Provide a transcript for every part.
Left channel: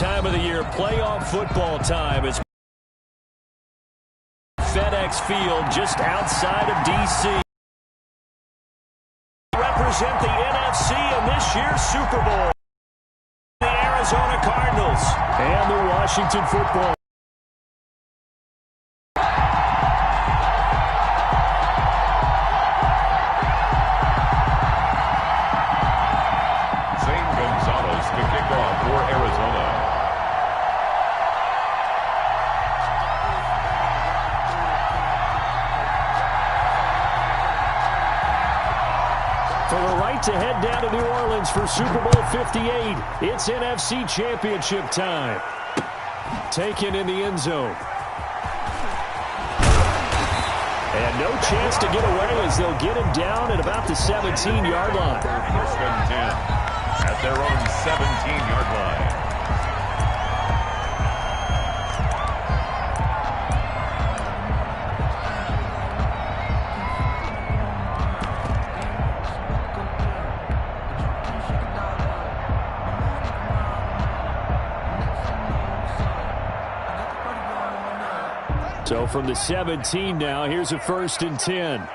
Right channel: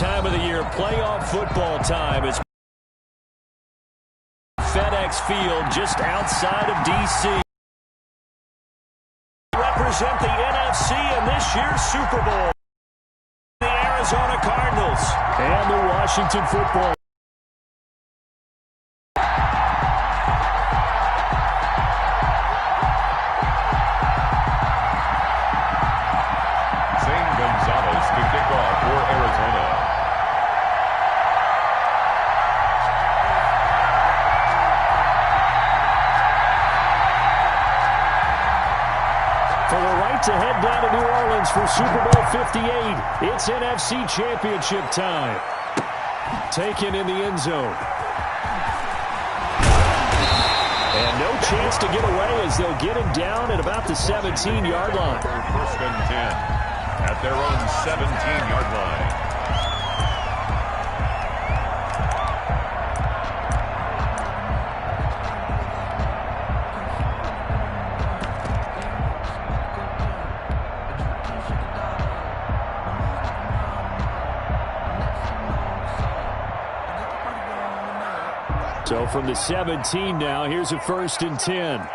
time of the year, playoff football time. It's FedEx Field just outside of D.C. Represent the NFC in this year's Super Bowl. The Arizona Cardinals and the Washington Football. To kick off for Arizona. For the right to head down to New Orleans for Super Bowl 58, it's NFC Championship time. Taken in the end zone. And no chance to get away as they'll get him down at about the 17-yard line. First and 10. At their own 17-yard line. So from the 17 now, here's a 1st and 10.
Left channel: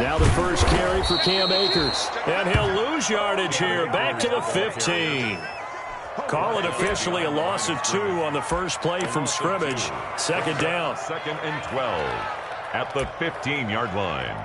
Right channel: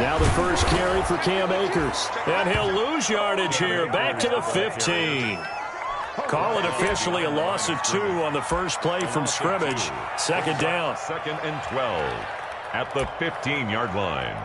Now the first carry for Cam Akers. And he'll lose yardage here. Back to the 15. Call it officially a loss of 2 on the first play from scrimmage. Second down. 2nd and 12 at the 15-yard line.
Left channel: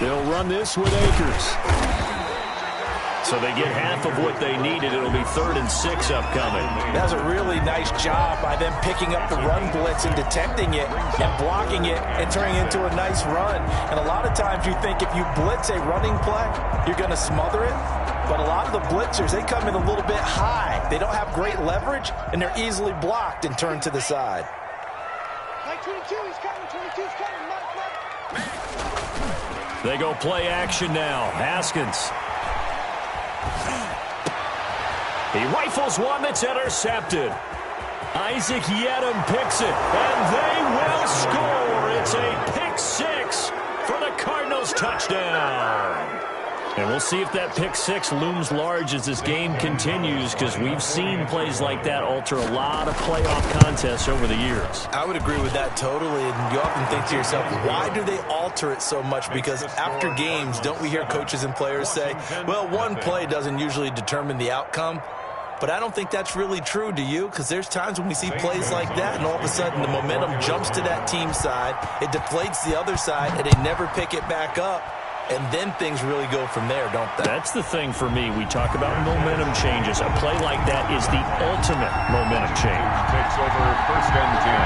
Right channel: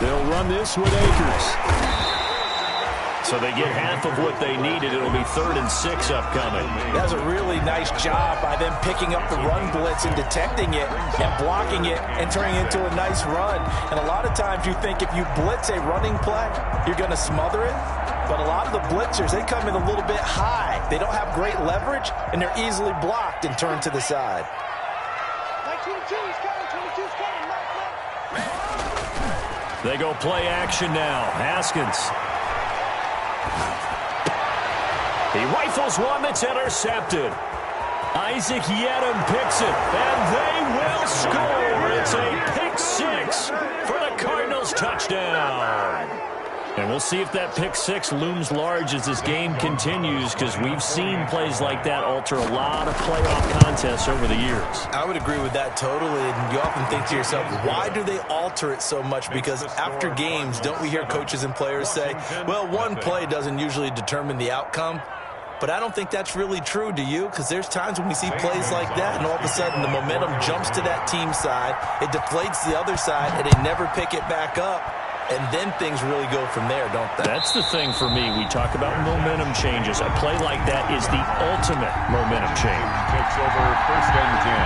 They'll run this with Akers. So they get half of what they needed. It'll be 3rd and 6 upcoming. That's a really nice job by them picking up the run blitz and detecting it and blocking it and turning it into a nice run. And a lot of times you think if you blitz a running play, you're going to smother it. But a lot of the blitzers, they come in a little bit high. They don't have great leverage, and they're easily blocked and turned to the side. Mike 22, he's coming. 22's coming. Mike left. They go play action now. Haskins. He rifles one that's intercepted. Isaac Yedem picks it, and they will score. It's a pick six for the Cardinals touchdown. And we'll see if that pick six looms large as this game continues, because we've seen plays like that alter a lot of playoff contests over the years. I would agree with that totally, and you often think to yourself, why do they alter it so much? Because after games, don't we hear coaches and players say, well, one play doesn't usually determine the outcome? But I don't think that's really true, do you? Because there's times when we see plays like that, and all of a sudden the momentum jumps to that team side, it deflates the other side, and they never pick it back up. And then things really go from there, don't they? That's the thing for me. We talk about momentum changes. A play like that is the ultimate momentum change. Takes over 1st and 10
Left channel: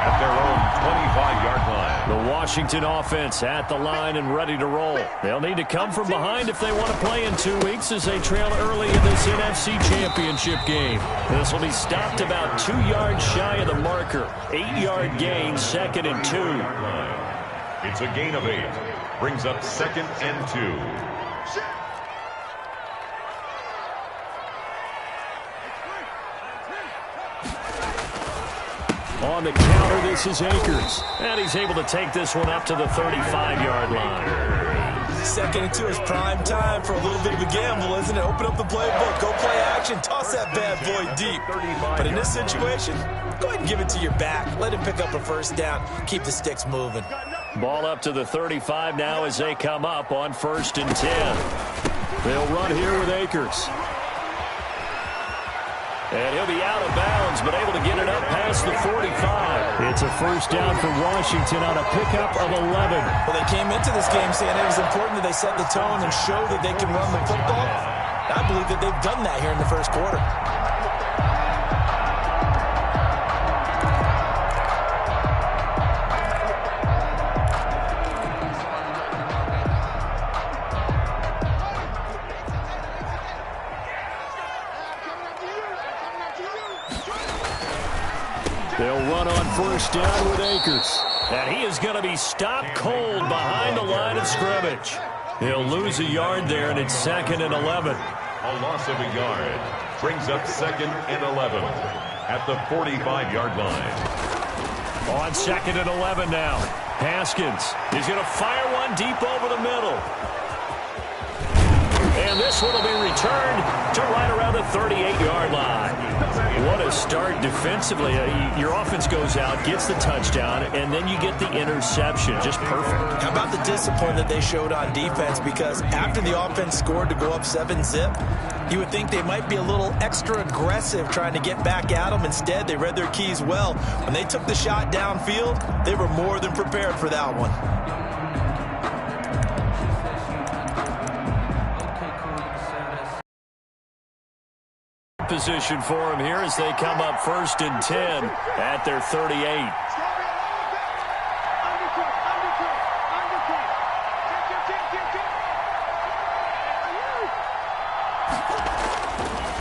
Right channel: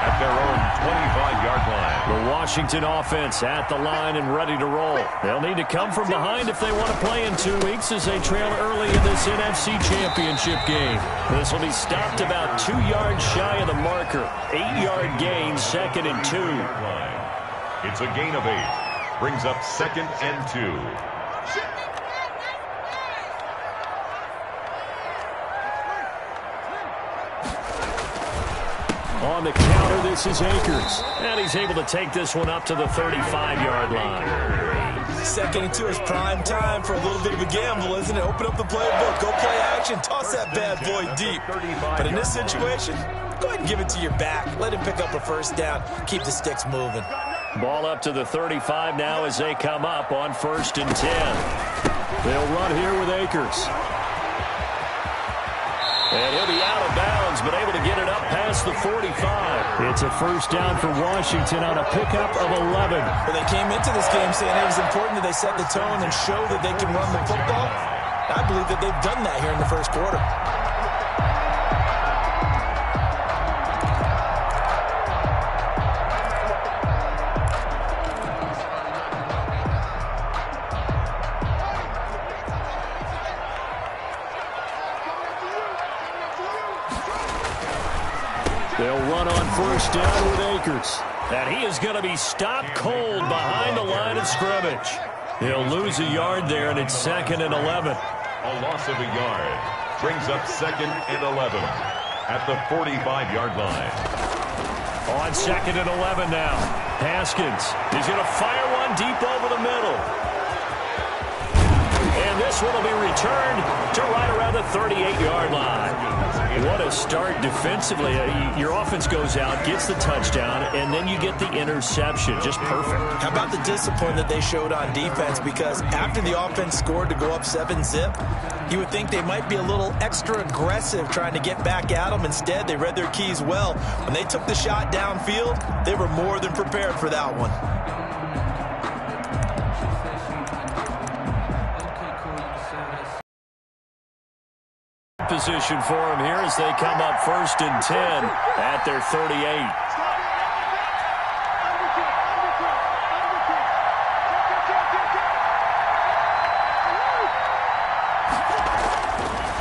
at their own 25-yard line. The Washington offense at the line and ready to roll. They'll need to come from behind if they want to play in 2 weeks as they trail early in this NFC Championship game. This will be stopped about 2 yards shy of the marker. 8-yard gain, 2nd and 2. It's a gain of 8. Brings up 2nd and 2. On the counter, this is Akers. And he's able to take this one up to the 35-yard line. 2nd and 2 is prime time for a little bit of a gamble, isn't it? Open up the playbook, go play action, toss that bad boy deep. But in this situation, go ahead and give it to your back. Let him pick up a first down. Keep the sticks moving. Ball up to the 35 now as they come up on 1st and 10. They'll run here with Akers. And he'll be out of bounds, but able to get it up past the 45. It's a first down for Washington on a pickup of 11. Well, they came into this game saying it was important that they set the tone and show that they can run the football. I believe that they've done that here in the first quarter. They'll run on first down with Akers. And he is going to be stopped cold behind the line of scrimmage. He'll lose a yard there, and it's 2nd and 11. A loss of a yard brings up 2nd and 11 at the 45-yard line. On 2nd and 11 now. Haskins is going to fire one deep over the middle. And this one will be returned to right around the 38-yard line. What a start defensively. Your offense goes out, gets the touchdown, and then you get the interception. Just perfect. How about the discipline that they showed on defense? Because after the offense scored to go up 7-zip, you would think they might be a little extra aggressive trying to get back at them. Instead, they read their keys well. When they took the shot downfield, they were more than prepared for that one. Position for him here as they come up 1st and 10 at their 38.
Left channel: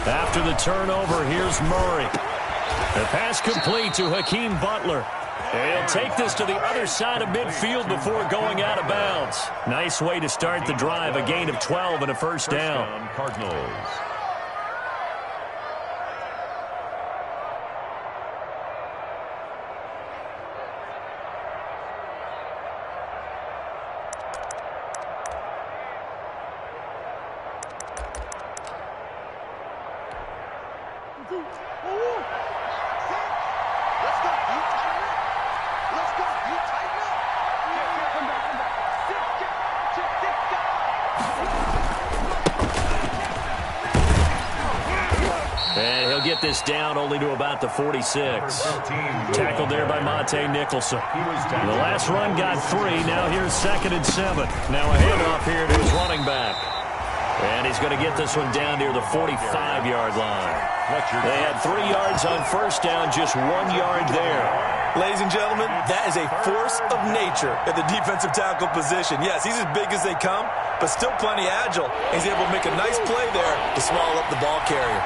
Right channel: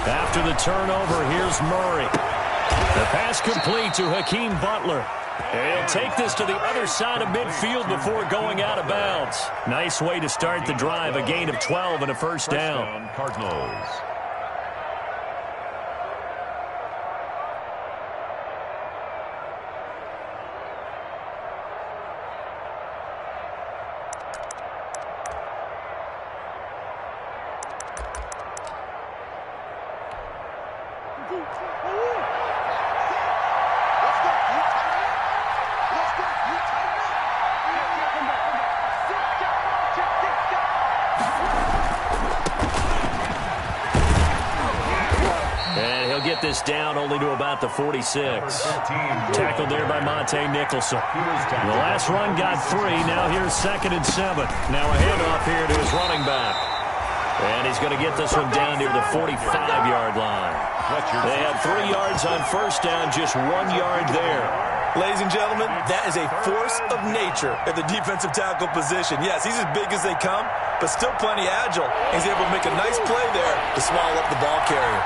After the turnover, here's Murray. The pass complete to Hakeem Butler. And he'll take this to the other side of midfield before going out of bounds. Nice way to start the drive, a gain of 12 and a first down. Cardinals. And he'll get this down only to about the 46. Tackled there by Monte Nicholson. The last run got 3. Now here's 2nd and 7. Now a handoff here to his running back. And he's going to get this one down near the 45-yard line. They had 3 yards on first down, just 1 yard there. Ladies and gentlemen, that is a force of nature at the defensive tackle position. Yes, he's as big as they come, but still plenty agile. He's able to make a nice play there to swallow up the ball carrier.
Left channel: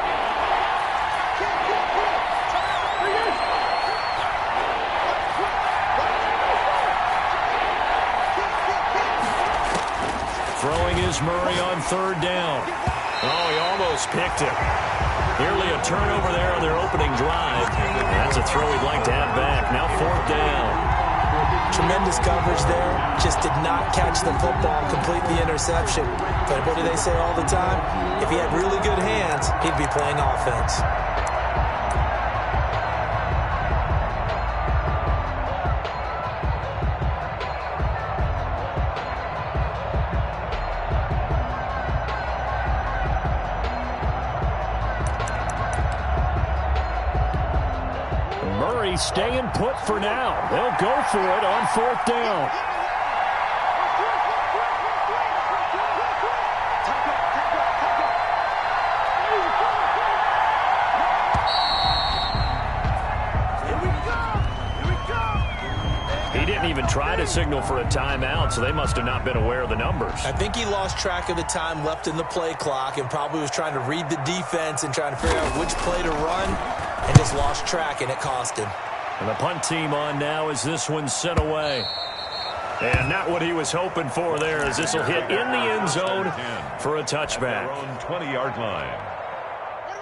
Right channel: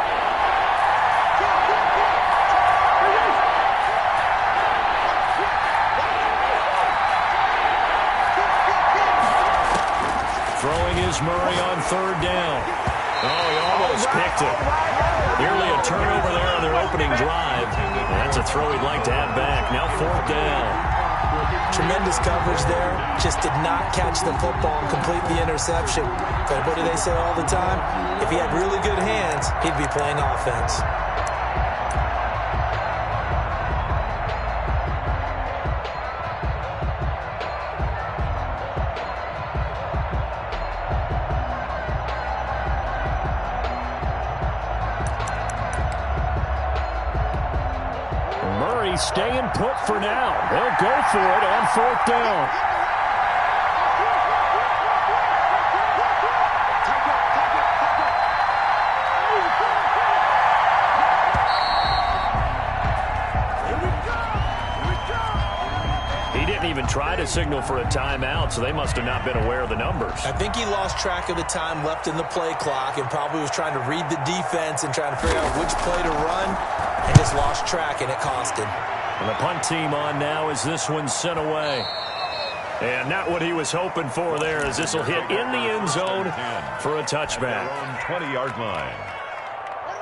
Throwing is Murray on 3rd down. Oh, he almost picked it. Nearly a turnover there on their opening drive. That's a throw he'd like to have back. Now 4th down. Tremendous coverage there. Just did not catch the football and complete the interception. But what do they say all the time? If he had really good hands, he'd be playing offense. Murray staying put for now. They'll go for it on 4th down. He didn't even try to signal for a timeout, so they must have not been aware of the numbers. I think he lost track of the time left in the play clock and probably was trying to read the defense and trying to figure out which play to run, and just lost track, and it cost him. And the punt team on now as this one's sent away. And not what he was hoping for there, as this will hit in the end zone for a touchback. 20-yard line.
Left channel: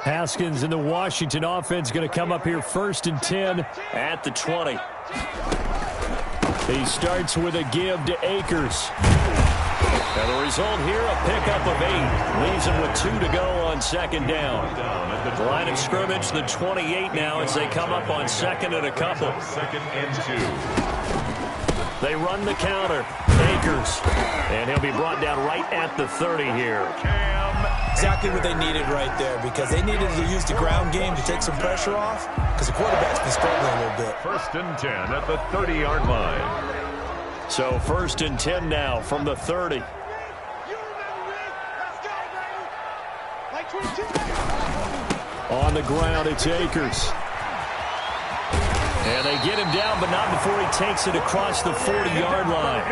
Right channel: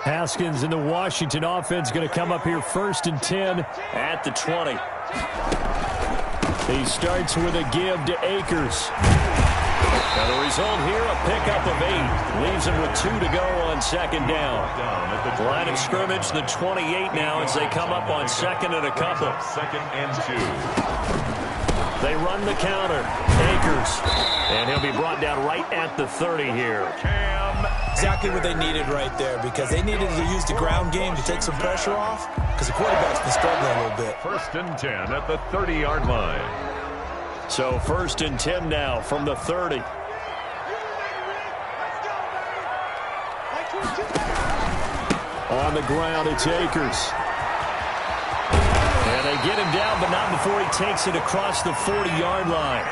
Haskins and the Washington offense going to come up here 1st and 10 at the 20. He starts with a give to Akers. Now the result here, a pickup of 8. Leaves him with 2 to go on 2nd down. Line of scrimmage, the 28 now as they come up on 2nd and a couple. 2nd and 2. They run the counter. Akers. And he'll be brought down right at the 30 here. Exactly what they needed right there, because they needed to use the ground game to take some pressure off, because the quarterback's been struggling a little bit. 1st and 10 at the 30-yard line. So 1st and 10 now from the 30. On the ground, it's Akers. And they get him down, but not before he takes it across the 40-yard line.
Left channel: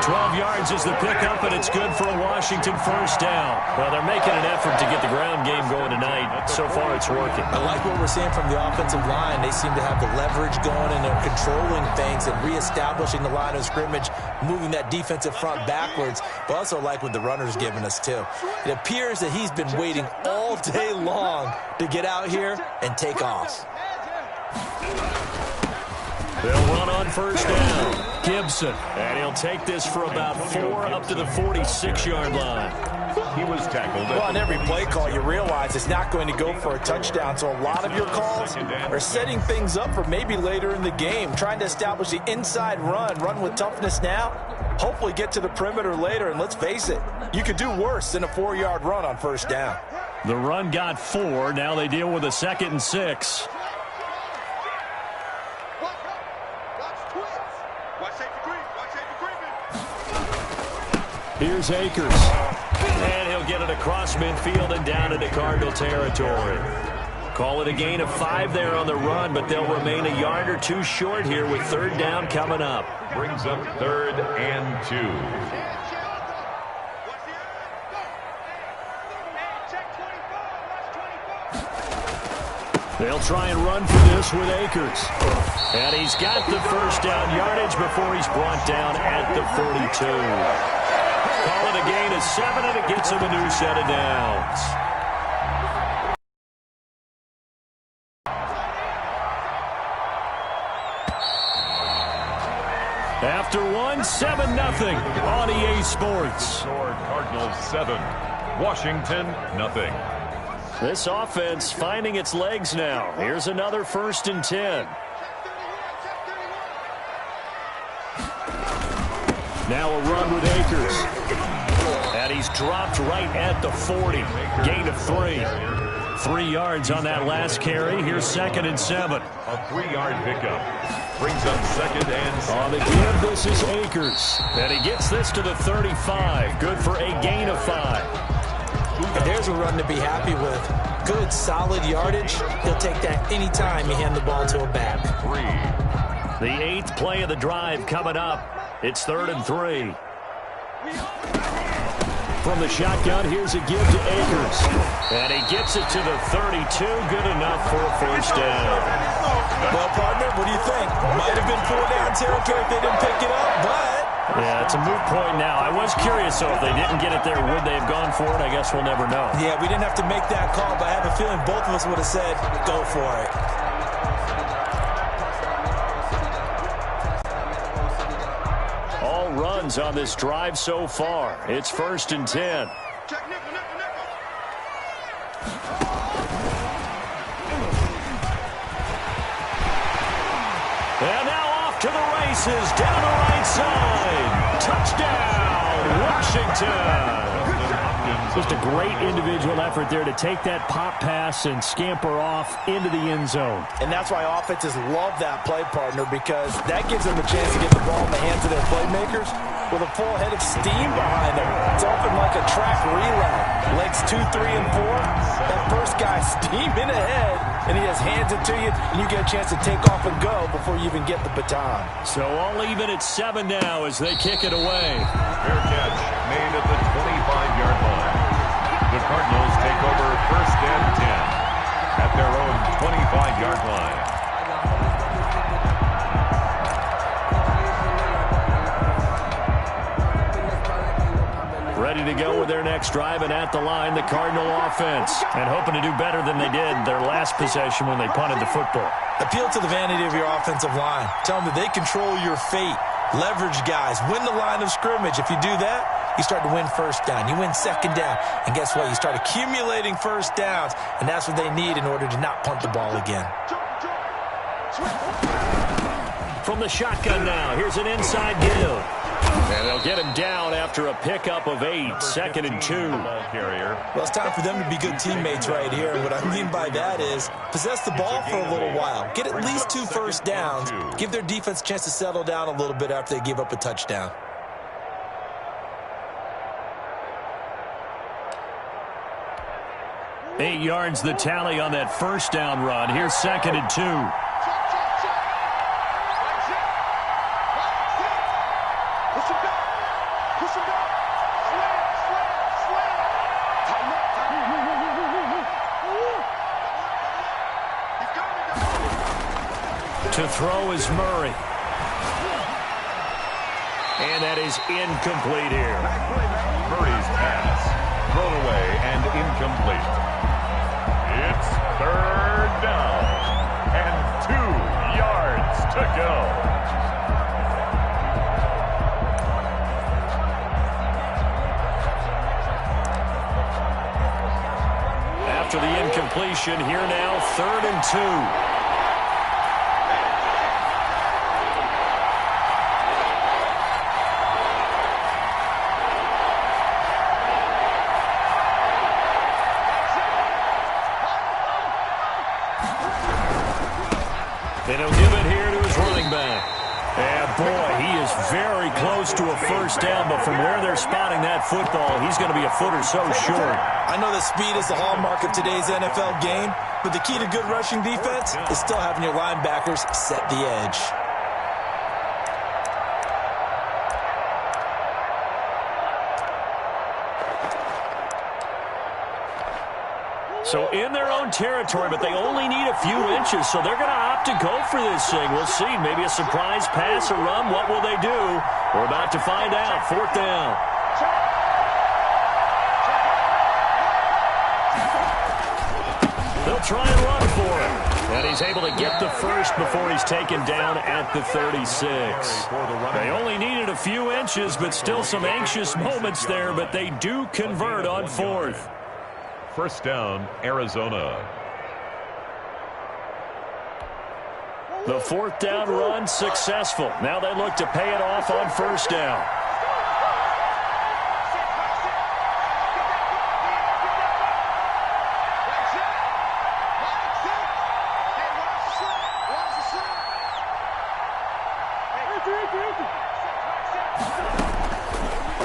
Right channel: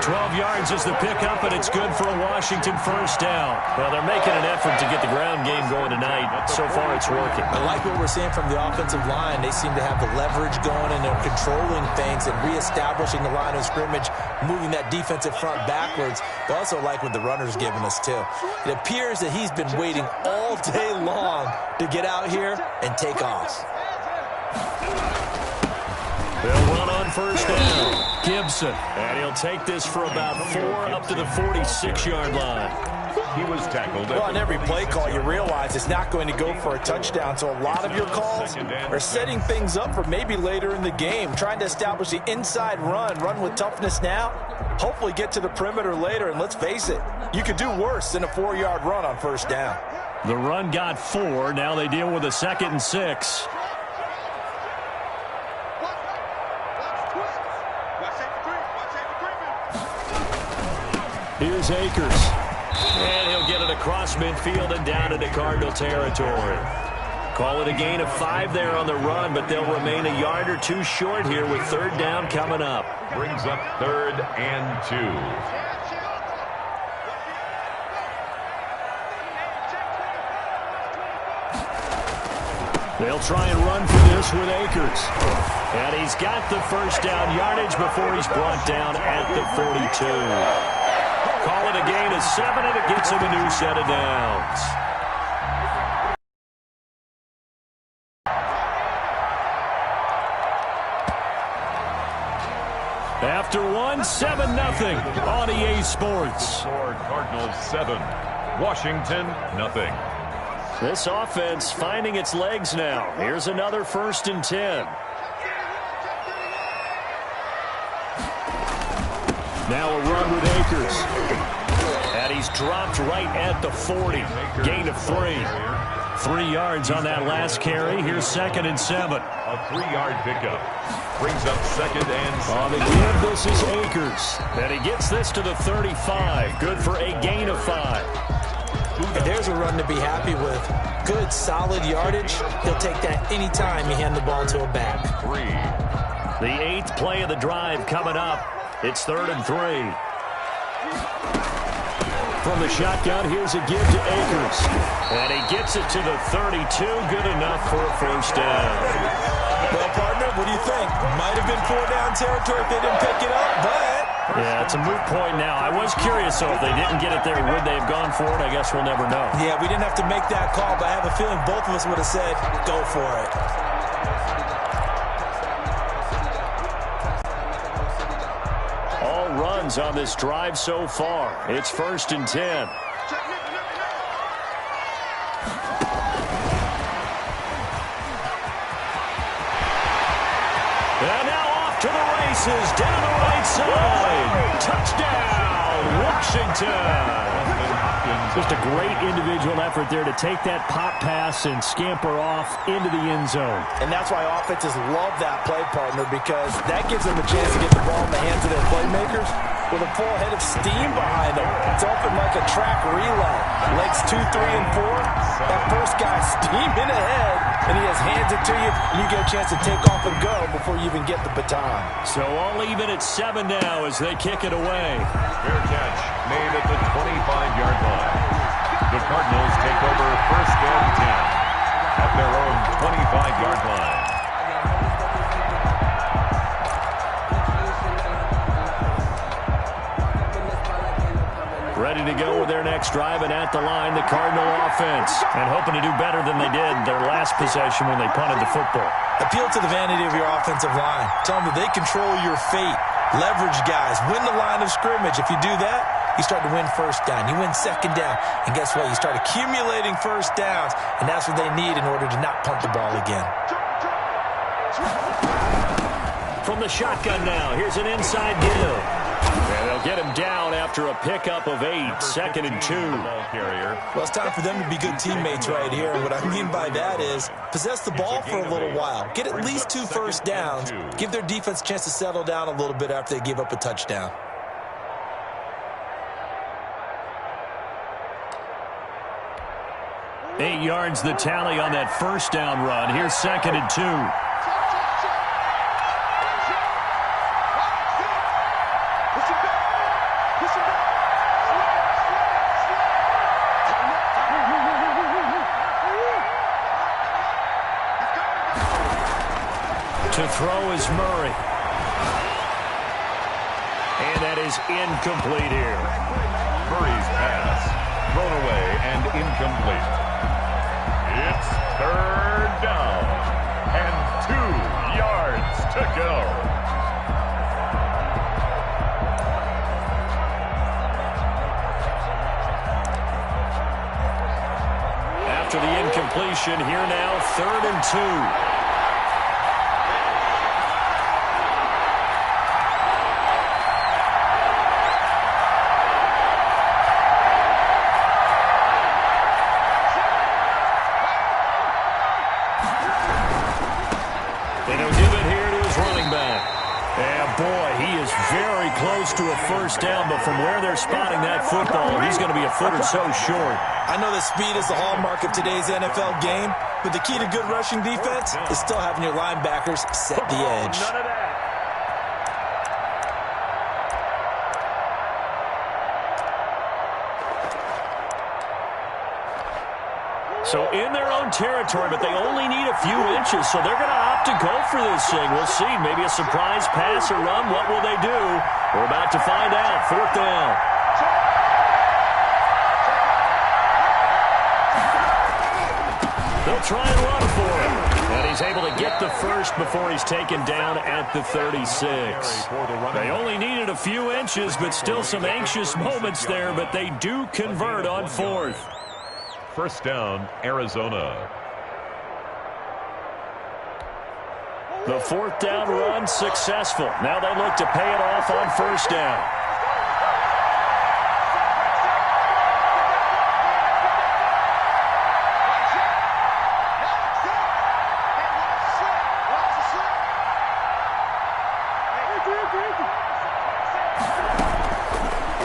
12 yards is the pickup, and it's good for a Washington first down. Well, they're making an effort to get the ground game going tonight. So far, it's working. I like what we're seeing from the offensive line. They seem to have the leverage going, and they're controlling things and reestablishing the line of scrimmage, moving that defensive front backwards. But also like what the runner's giving us, too. It appears that he's been waiting all day long to get out here and take off. They'll run on first down. Gibson. And he'll take this for about 4 up to the 46-yard line. He was tackled. Well, on every play call, you realize it's not going to go for a touchdown. So a lot of your calls are setting things up for maybe later in the game, trying to establish the inside run with toughness now, hopefully get to the perimeter later. And let's face it, you could do worse than a 4-yard run on first down. The run got 4. Now they deal with a 2nd and 6. Here's Akers. And he'll get it across midfield and down into Cardinal territory. Call it a gain of 5 there on the run, but they'll remain a yard or 2 short here with 3rd down coming up. Brings up 3rd and 2. They'll try and run for this with Akers. And he's got the first down yardage before he's brought down at the 42. Call it a gain of 7, and it gets him a new set of downs. After 1, 7-0 on EA Sports. Cardinals 7, Washington nothing. This offense finding its legs now. Here's another 1st and 10. Now a run with Akers. And he's dropped right at the 40. Gain of 3. 3 yards on that last carry. Here's 2nd and 7. A 3-yard pickup. Brings up 2nd and 7. On the give, this is Akers. And he gets this to the 35. Good for a gain of 5. And there's a run to be happy with. Good, solid yardage. He'll take that anytime you hand the ball to a back. 3. The 8th play of the drive coming up. It's 3rd and 3. From the shotgun, here's a give to Akers. And he gets it to the 32. Good enough for a first down. Well, partner, what do you think? Might have been 4-down territory if they didn't pick it up, but... Yeah, it's a moot point now. I was curious, so if they didn't get it there, would they have gone for it? I guess we'll never know. Yeah, we didn't have to make that call, but I have a feeling both of us would have said, go for it. All runs on this drive so far. It's 1st and 10. And now off to the races, down the right side. Touchdown, Washington. Just a great individual effort there to take that pop pass and scamper off into the end zone. And that's why offenses love that play, partner, because that gives them a chance to get the ball in the hands of their playmakers with a full head of steam behind them. It's often like a track relay. Legs 2, 3, and 4. That first guy steaming ahead, and he just hands it to you, and you get a chance to take off and go before you even get the baton. So all even at 7 now as they kick it away. Fair catch made at the 25-yard line. The Cardinals take over 1st and 10 at their own 25-yard line. Ready to go with their next drive, and at the line, the Cardinal offense. And hoping to do better than they did their last possession when they punted the football. Appeal to the vanity of your offensive line. Tell them that they control your fate. Leverage guys. Win the line of scrimmage. If you do that, you start to win first down. You win second down. And guess what? You start accumulating first downs. And that's what they need in order to not punt the ball again. From the shotgun now, here's an inside give. And they'll get him down after a pickup of 8, 2nd and 2. Well, it's time for them to be good teammates right here. And what I mean by that is possess the ball for a little while. Get at least 2 first downs. Give their defense a chance to settle down a little bit after they give up a touchdown. "8 yards the tally on that first down run. Here's 2nd and 2. Push him back. Slam, slam, slam. Tighten up, tighten up. He's coming. To throw is Murray. And that is incomplete here. Murray's pass thrown away and incomplete. It's third down and 2 yards to go. After the incompletion, here now, 3rd and 2. And he'll give it here to his running back. And boy, he is very close to a first down, but from where they're spotting that football, he's going to be a foot or so short. I know that speed is the hallmark of today's NFL game, but the key to good rushing defense is still having your linebackers set the edge. So in their own territory, but they only need a few inches, so they're going to opt to go for this thing. We'll see. Maybe a surprise pass or run. What will they do? We're about to find out. 4th down. They'll try and run for him. And he's able to get the first before he's taken down at the 36. They only needed a few inches, but still some anxious moments there, but they do convert on 4th. First down, Arizona. The 4th down run successful. Now they look to pay it off on 1st down.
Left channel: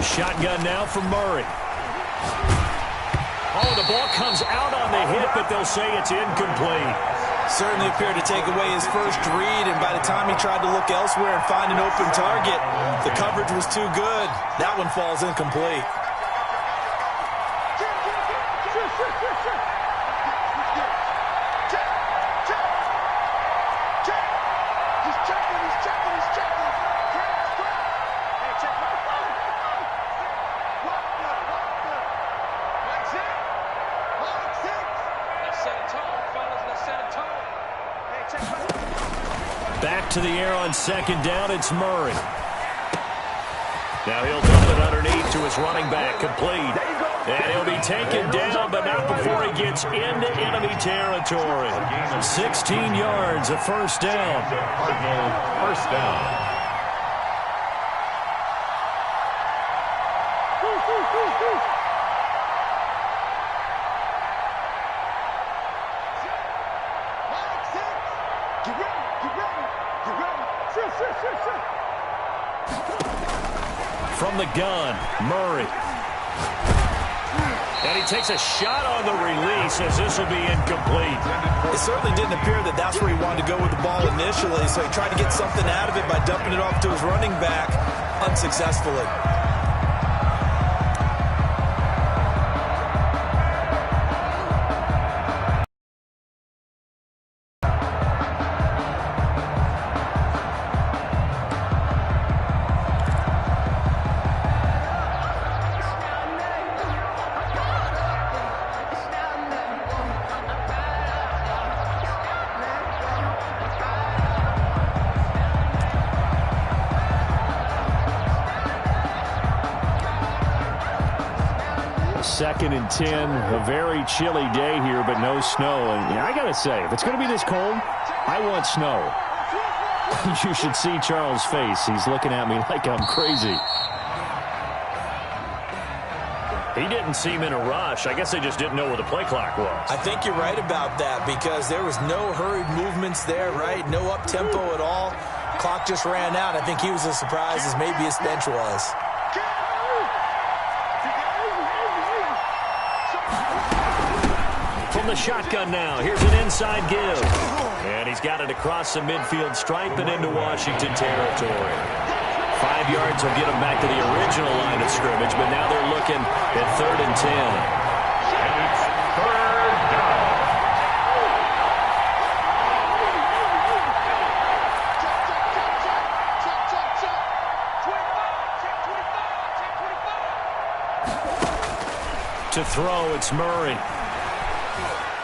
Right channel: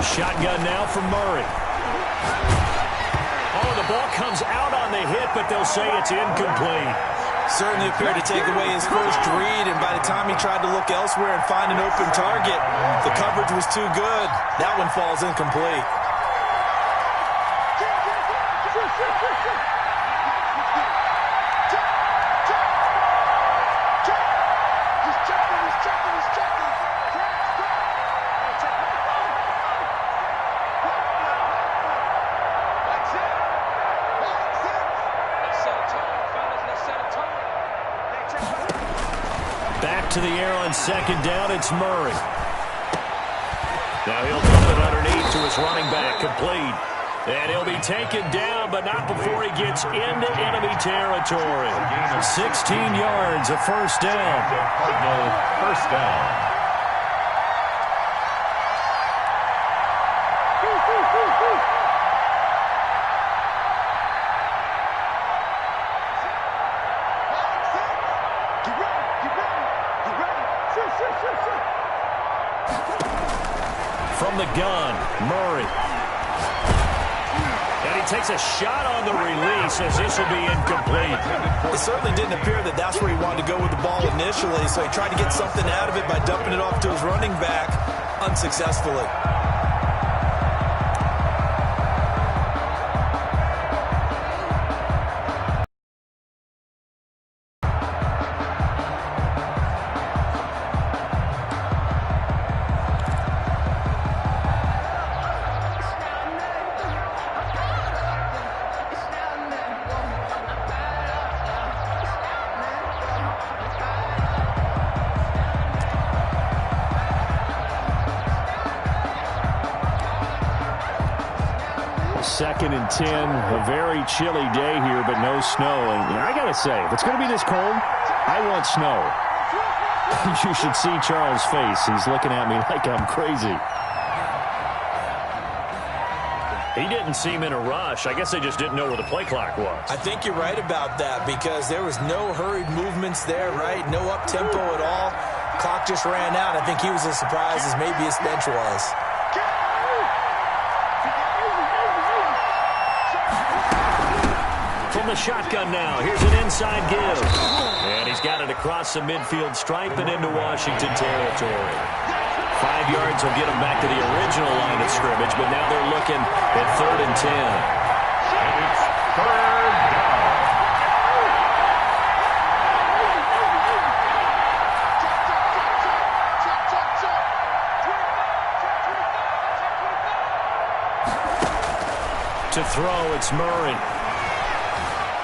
Shotgun now from Murray. Oh, the ball comes out on the hit, but they'll say it's incomplete. Certainly appeared to take away his first read, and by the time he tried to look elsewhere and find an open target, the coverage was too good. That one falls incomplete. Back to the air on 2nd down, it's Murray. Now he'll dump it underneath to his running back, complete. And he'll be taken down, but not before he gets into enemy territory. 16 yards, a first down. Cardinal first down. From the gun, Murray. And he takes a shot on the release as this will be incomplete. It certainly didn't appear that that's where he wanted to go with the ball initially, so he tried to get something out of it by dumping it off to his running back unsuccessfully. Second and 10, a very chilly day here, but no snow. And I got to say, if it's going to be this cold, I want snow. You should see Charles' face. He's looking at me like I'm crazy. He didn't seem in a rush. I guess they just didn't know where the play clock was. I think you're right about that because there was no hurried movements there, right? No up-tempo at all. Clock just ran out. I think he was as surprised as maybe his bench was. From the shotgun now, here's an inside give. And he's got it across the midfield stripe and into Washington territory. 5 yards will get them back to the original line of scrimmage, but now they're looking at 3rd and 10. And it's 3rd down. To throw, it's Murray.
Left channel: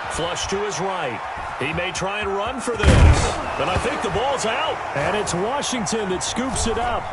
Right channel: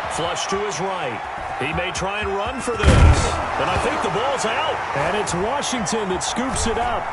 Flush to his right. He may try and run for this, but I think the ball's out. And it's Washington that scoops it up.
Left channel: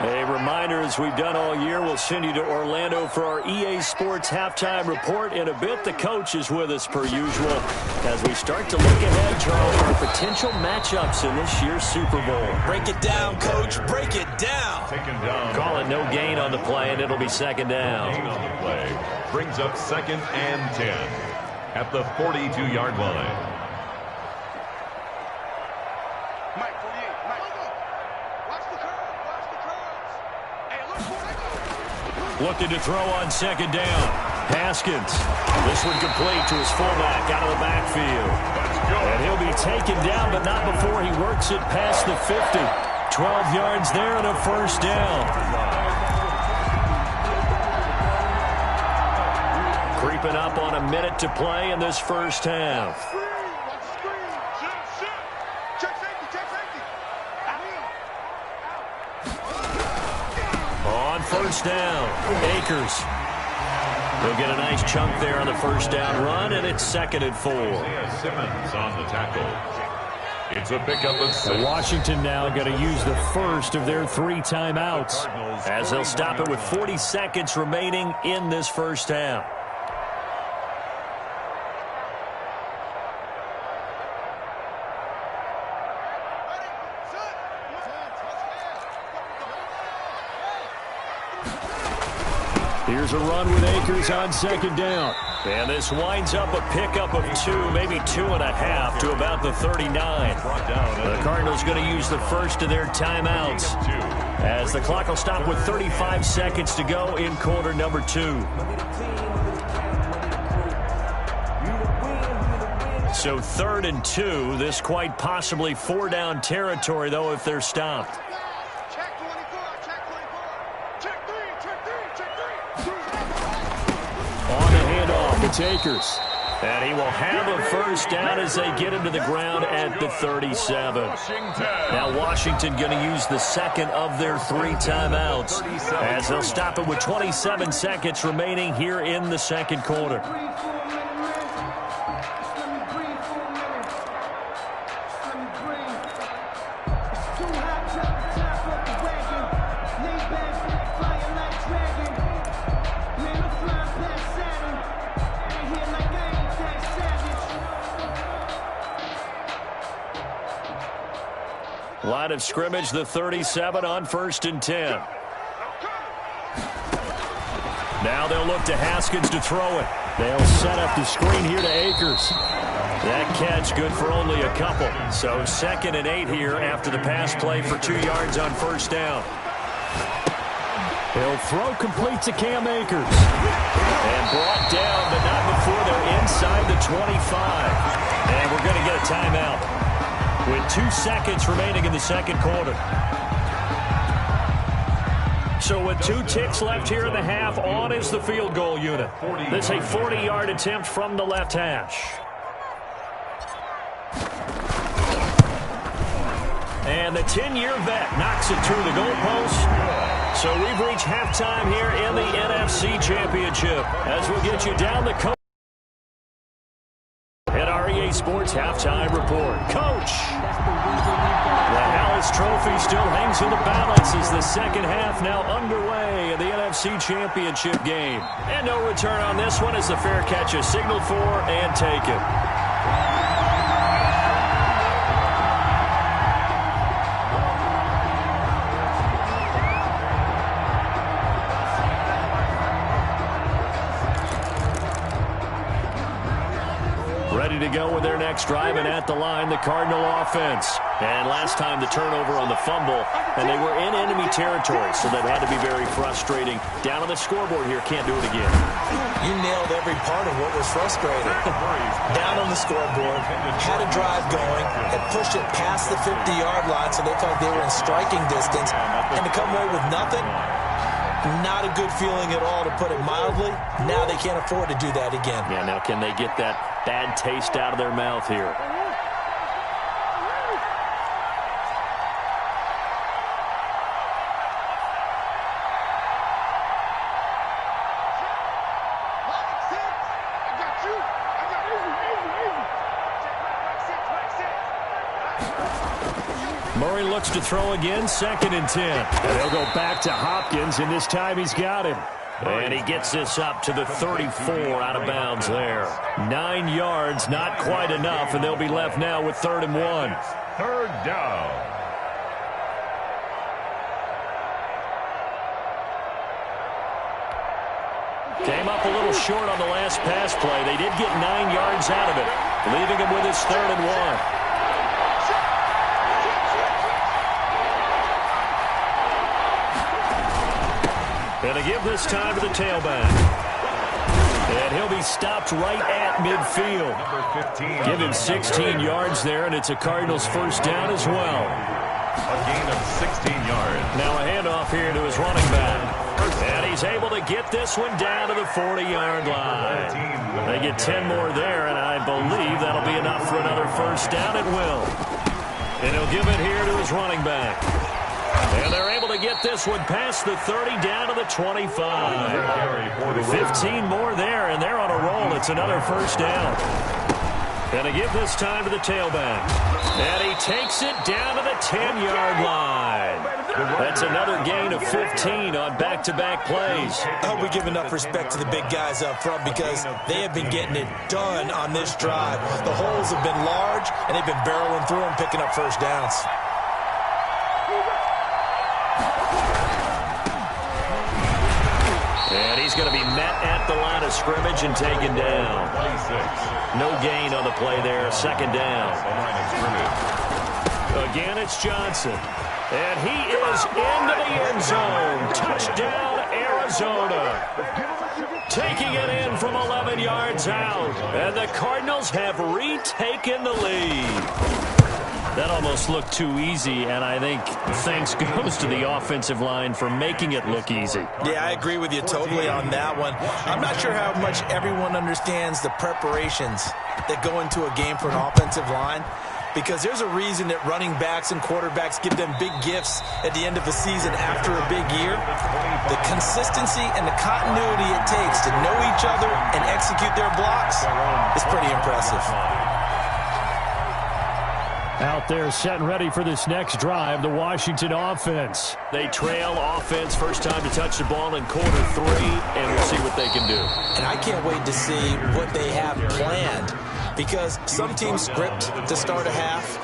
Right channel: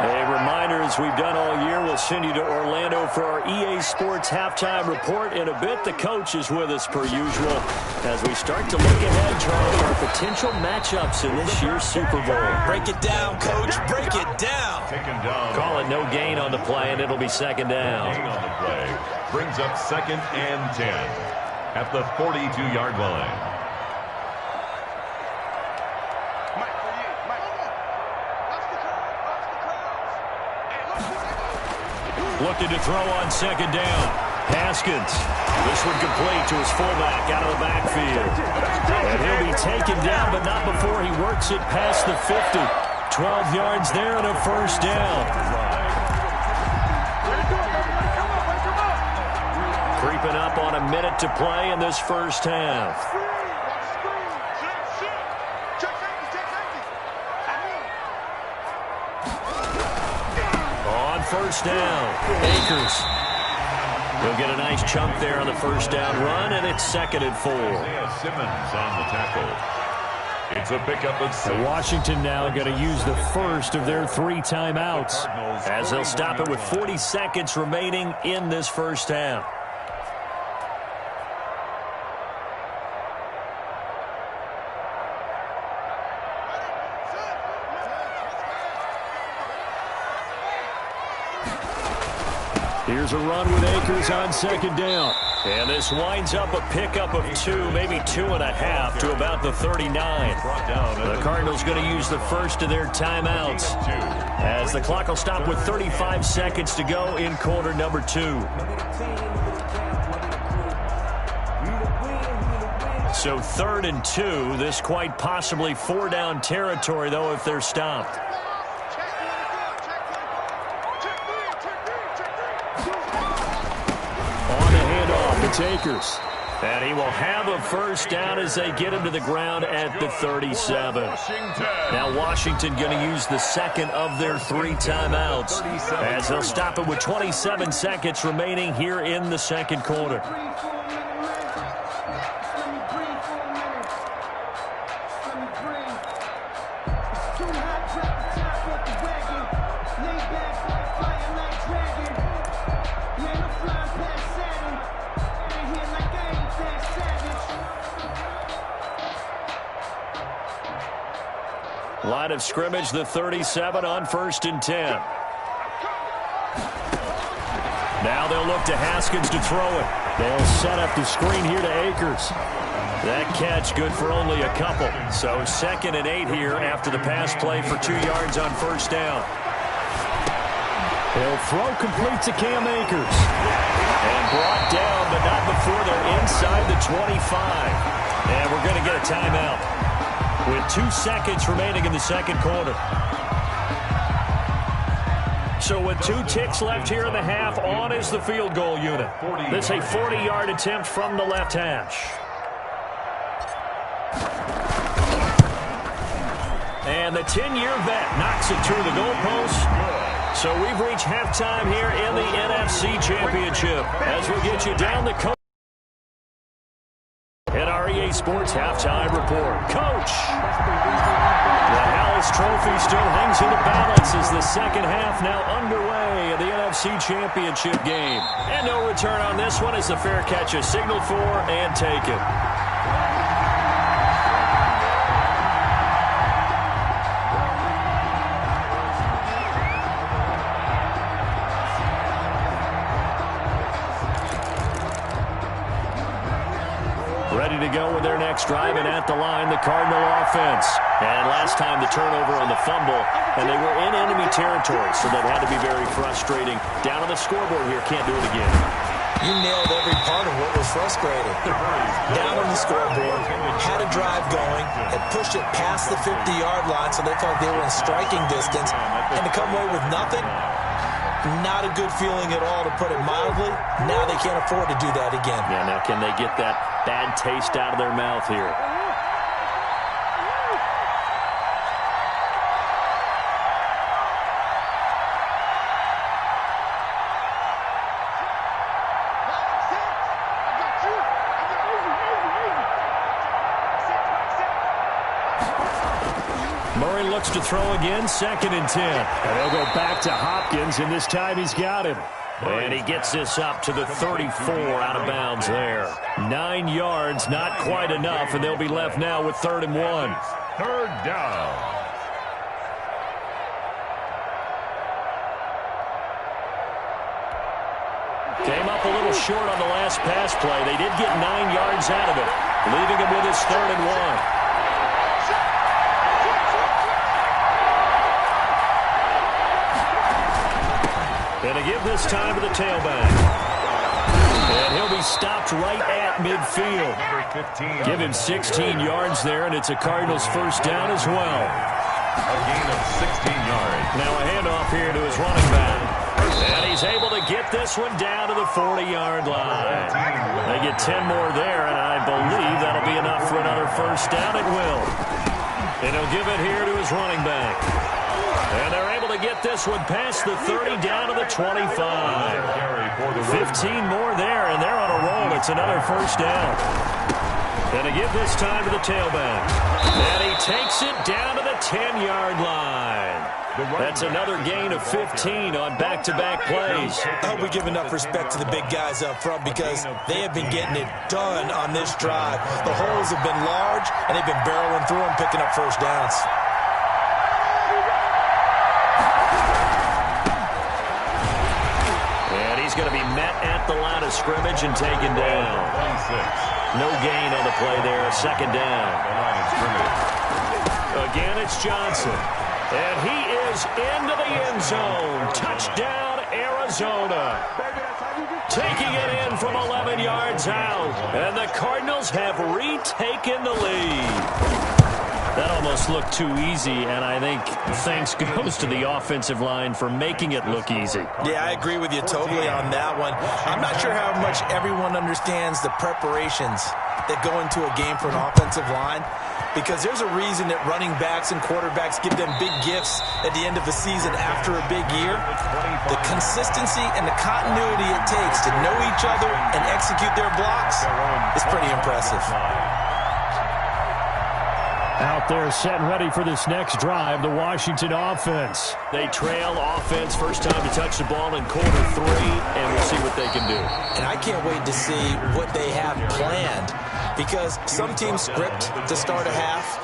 A reminder, as we've done all year, we'll send you to Orlando for our EA Sports Halftime Report in a bit. The coach is with us per usual as we start to look ahead, Charles, our potential matchups in this year's Super Bowl. Break it down, Coach. Break it down. Taken down. Call it no gain on the play, and it'll be 2nd down. Gain on the play brings up 2nd and 10 at the 42-yard line. Looking to throw on 2nd down. Haskins. This one complete to his fullback out of the backfield. And he'll be taken down, but not before he works it past the 50. 12 yards there and a 1st down. Creeping up on a minute to play in this first half. On 1st down, Akers. He'll get a nice chunk there on the 1st down run, and it's 2nd and 4. Isaiah Simmons on the tackle. It's a pickup of 6. Washington now going to use the first of their 3 timeouts as they'll stop it with 40 seconds remaining in this first half. Here's a run with Akers on 2nd down. And this winds up a pickup of 2, maybe 2.5 to about the 39. The Cardinals going to use the first of their timeouts as the clock will stop with 35 seconds to go in quarter number 2. So 3rd and 2, this quite possibly 4-down territory, though, if they're stopped. It's Akers. And he will have a 1st down as they get him to the ground at the 37. Now Washington going to use the 2nd of their 3 timeouts as they'll stop it with 27 seconds remaining here in the 2nd quarter. Line of scrimmage, the 37 on 1st and 10. Now they'll look to Haskins to throw it. They'll set up the screen here to Akers. That catch good for only a couple. So 2nd and 8 here after the pass play for 2 yards on 1st down. He'll throw complete to Cam Akers. And brought down, but not before they're inside the 25. And we're going to get a timeout with 2 seconds remaining in the 2nd quarter. So with 2 ticks left here in the half, on is the field goal unit. This is a 40-yard attempt from the left hash. And the 10-year vet knocks it through the goalpost. So we've reached halftime here in the NFC Championship as we'll get you down the coast. At our EA Sports Halftime Report. Coach, the Hallis Trophy still hangs in the balance as the 2nd half now underway in the NFC Championship game. And no return on this one as the fair catch is signaled for and taken. Ready ready to go with their next drive, and at the line, the Cardinal offense. And last time the turnover on the fumble, and they were in enemy territory, so that had to be very frustrating. Down on the scoreboard here, can't do it again. You nailed every part of what was frustrating. Down on the scoreboard, had a drive going, had pushed it past the 50-yard line, so they thought they were in striking distance, and to come away with nothing, not a good feeling at all, to put it mildly. Now they can't afford to do that again. Yeah, now can they get that bad taste out of their mouth here? Murray looks to throw again, 2nd and 10. And they'll go back to Hopkins, and this time he's got him. And he gets this up to the 34 out of bounds there. 9 yards, not quite enough, and they'll be left now with 3rd and 1. 3rd down. Came up a little short on the last pass play. They did get 9 yards out of it, leaving him with his 3rd and 1. And to give this time to the tailback. And he'll be stopped right at midfield. Give him 16 yards there, and it's a Cardinals 1st down as well. A gain of 16 yards. Now a handoff here to his running back. And he's able to get this one down to the 40-yard line. They get 10 more there, and I believe that'll be enough for another 1st down. It will. And he'll give it here to his running back. And they're able to get this one past the 30 down to the 25. 15 more there, and they're on a roll. It's another 1st down. And to give this time to the tailback. And he takes it down to the 10-yard line. That's another gain of 15 on back-to-back plays. I hope we give enough respect to the big guys up front, because they have been getting it done on this drive. The holes have been large, and they've been barreling through them, picking up 1st downs. And he's going to be met at the line of scrimmage and taken down. 26. No gain on the play there. 2nd down. The line of scrimmage. Again, it's Johnson. And he is into the end zone. Touchdown, Arizona. Taking it in from 11 yards out. And the Cardinals have retaken the lead. That almost looked too easy, and I think thanks goes to the offensive line for making it look easy. Yeah, I agree with you totally on that one. I'm not sure how much everyone understands the preparations that go into a game for an offensive line, because there's a reason that running backs and quarterbacks give them big gifts at the end of the season after a big year. The consistency and the continuity it takes to know each other and execute their blocks is pretty impressive. Out there set and ready for this next drive, the Washington offense. They trail offense, first time to touch the ball in quarter 3, and we'll see what they can do. And I can't wait to see what they have planned, because some teams script to start a half.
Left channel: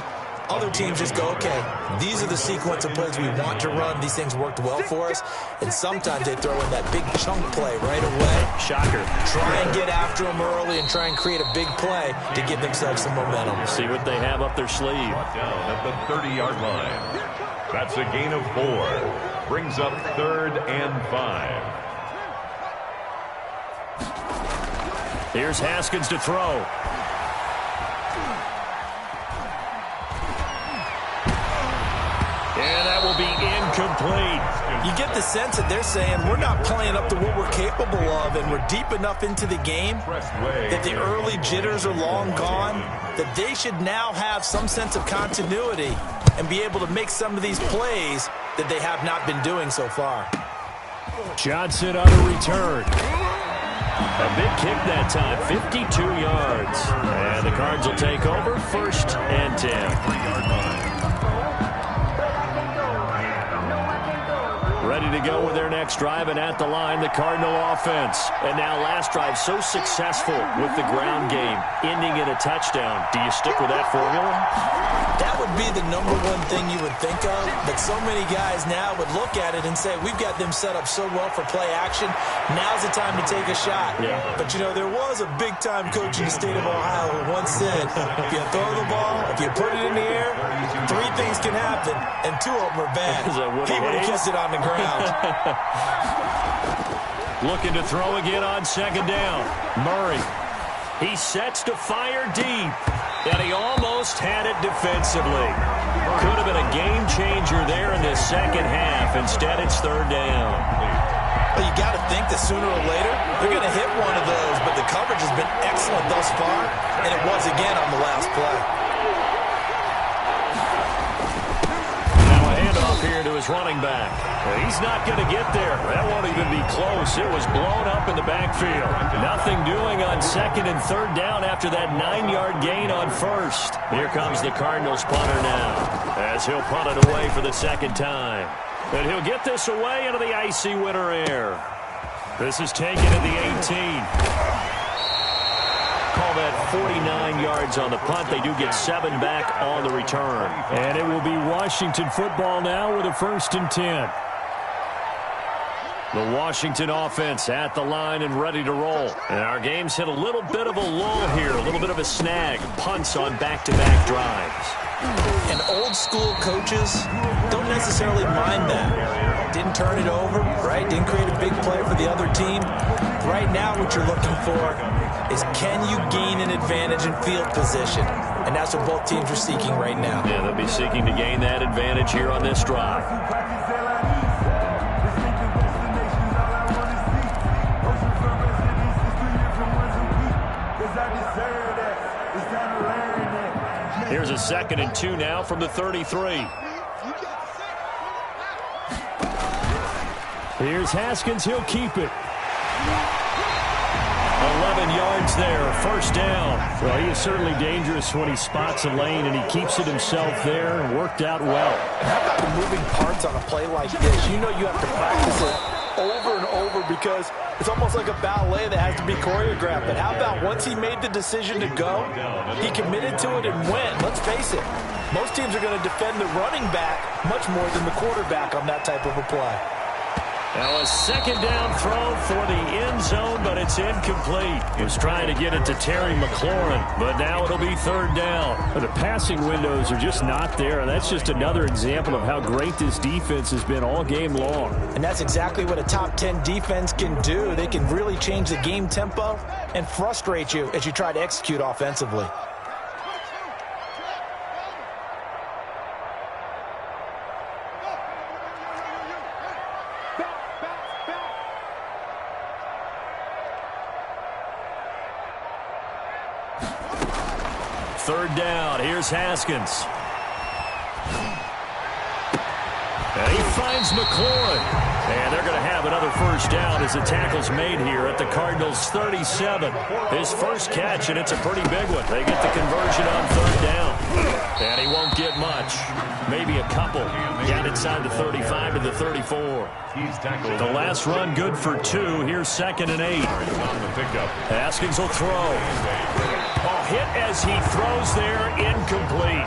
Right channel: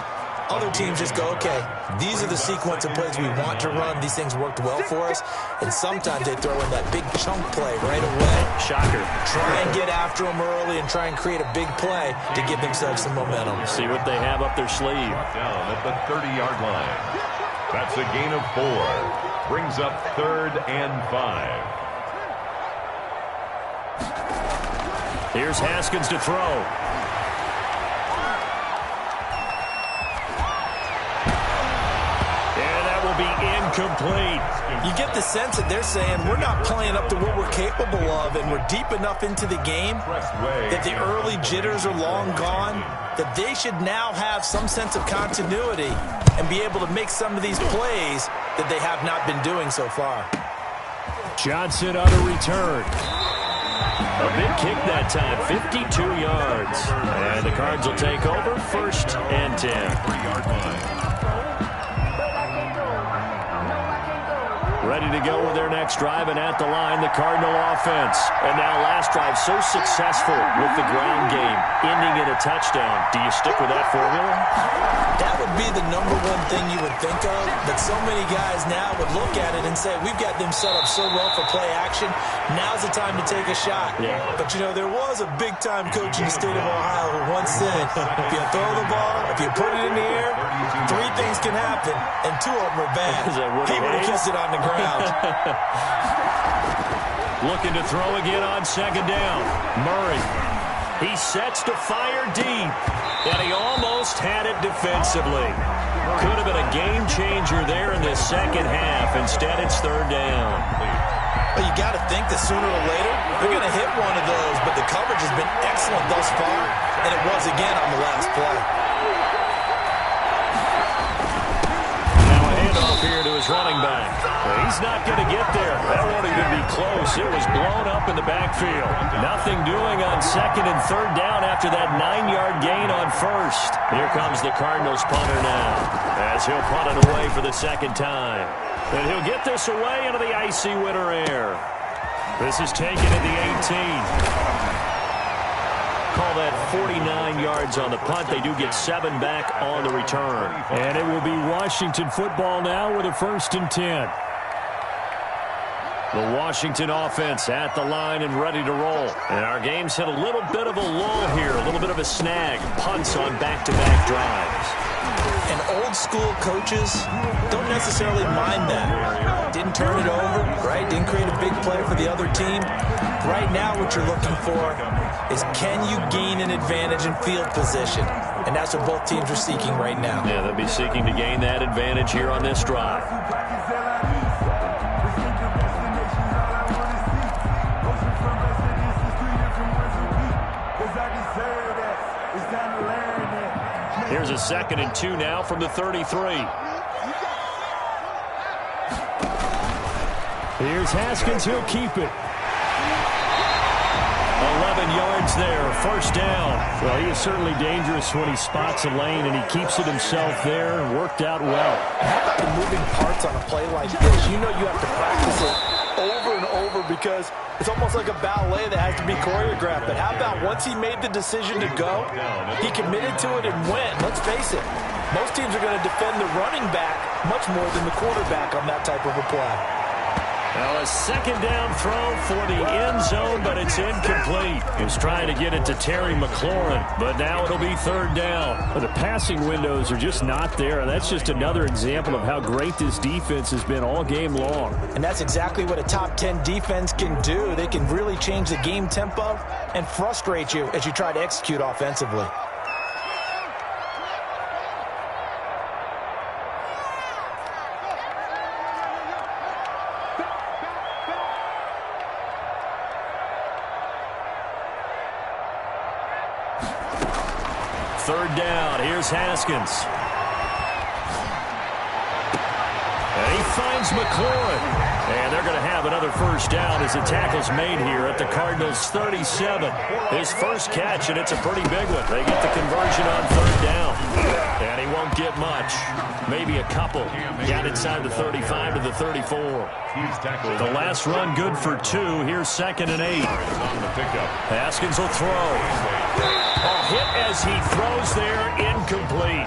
Other teams just go, okay, these are the sequence of plays we want to run. These things worked well for us. And sometimes they throw in that big chunk play right away. Shocker. Try and get after them early and try and create a big play to give themselves some momentum. See what they have up their sleeve. Down at the 30-yard line. That's a gain of 4. Brings up 3rd and 5. Here's Haskins to throw. And that will be incomplete. You get the sense that they're saying we're not playing up to what we're capable of, and we're deep enough into the game that the early jitters are long gone, that they should now have some sense of continuity and be able to make some of these plays that they have not been doing so far. Johnson on a return. A big kick that time, 52 yards. And the Cards will take over, 1st and 10. 3-yard line. ready to go with their next drive, and at the line, the Cardinal offense. And now last drive so successful with the ground game, ending in a touchdown. Do you stick with that formula? That would be the number one thing you would think of, but so many guys now would look at it and say, we've got them set up so well for play action, now's the time to take a shot. Yeah. But, you know, there was a big-time coach in the state of Ohio who once said, if you throw the ball, if you put it in the air, 3 things can happen, and 2 of them are bad. He would have kissed it on the ground. Looking to throw again on second down. Murray. He sets to fire deep, and he almost had it defensively. Could have been a game changer there in the second half. Instead, it's third down. Well, you got to think that sooner or later they're going to hit one of those, but the coverage has been excellent thus far, and it was again on the last play. Here to his running back. He's not going to get there. That won't even be close. It was blown up in the backfield. Nothing doing on second and third down after that 9-yard gain on first. Here comes the Cardinals punter now, as he'll punt it away for the second time. And he'll get this away into the icy winter air. This is taken at the 18. Call that 49 yards on the punt. They do get 7 back on the return. And it will be Washington football now with a 1st and 10. The Washington offense at the line and ready to roll. And our game's hit a little bit of a lull here, a little bit of a snag. Punts on back-to-back drives. And old-school coaches don't necessarily mind that. Didn't turn it over, right? Didn't create a big play for the other team. Right now what you're looking for is, can you gain an advantage in field position? And that's what both teams are seeking right now. Yeah, they'll be seeking to gain that advantage here on this drive. Here's a 2nd and 2 now from the 33. Here's Haskins. He'll keep it. 11 yards there, first down. Well, he is certainly dangerous when he spots a lane, and he keeps it himself there and worked out well. How about the moving parts on a play like this? You know you have to practice it over and over because it's almost like a ballet that has to be choreographed. But how about once he made the decision to go, he committed to it and went. Let's face it, most teams are going to defend the running back much more than the quarterback on that type of a play. Now a second down throw for the end zone, but it's incomplete. He was trying to get it to Terry McLaurin, but now it'll be third down. The passing windows are just not there. That's just another example of how great this defense has been all game long. And that's exactly what a top 10 defense can do. They can really change the game tempo and frustrate you as you try to execute offensively. Third down, here's Haskins. And he finds McLaurin. And they're going to have another first down as the tackle's made here at the Cardinals' 37. His first catch, and it's a pretty big one. They get the conversion on third down. And he won't get much. Maybe a couple. Down inside the 35 to the 34. The last run good for 2. Here's 2nd and 8. Haskins will throw. Oh, hit as he throws there, incomplete.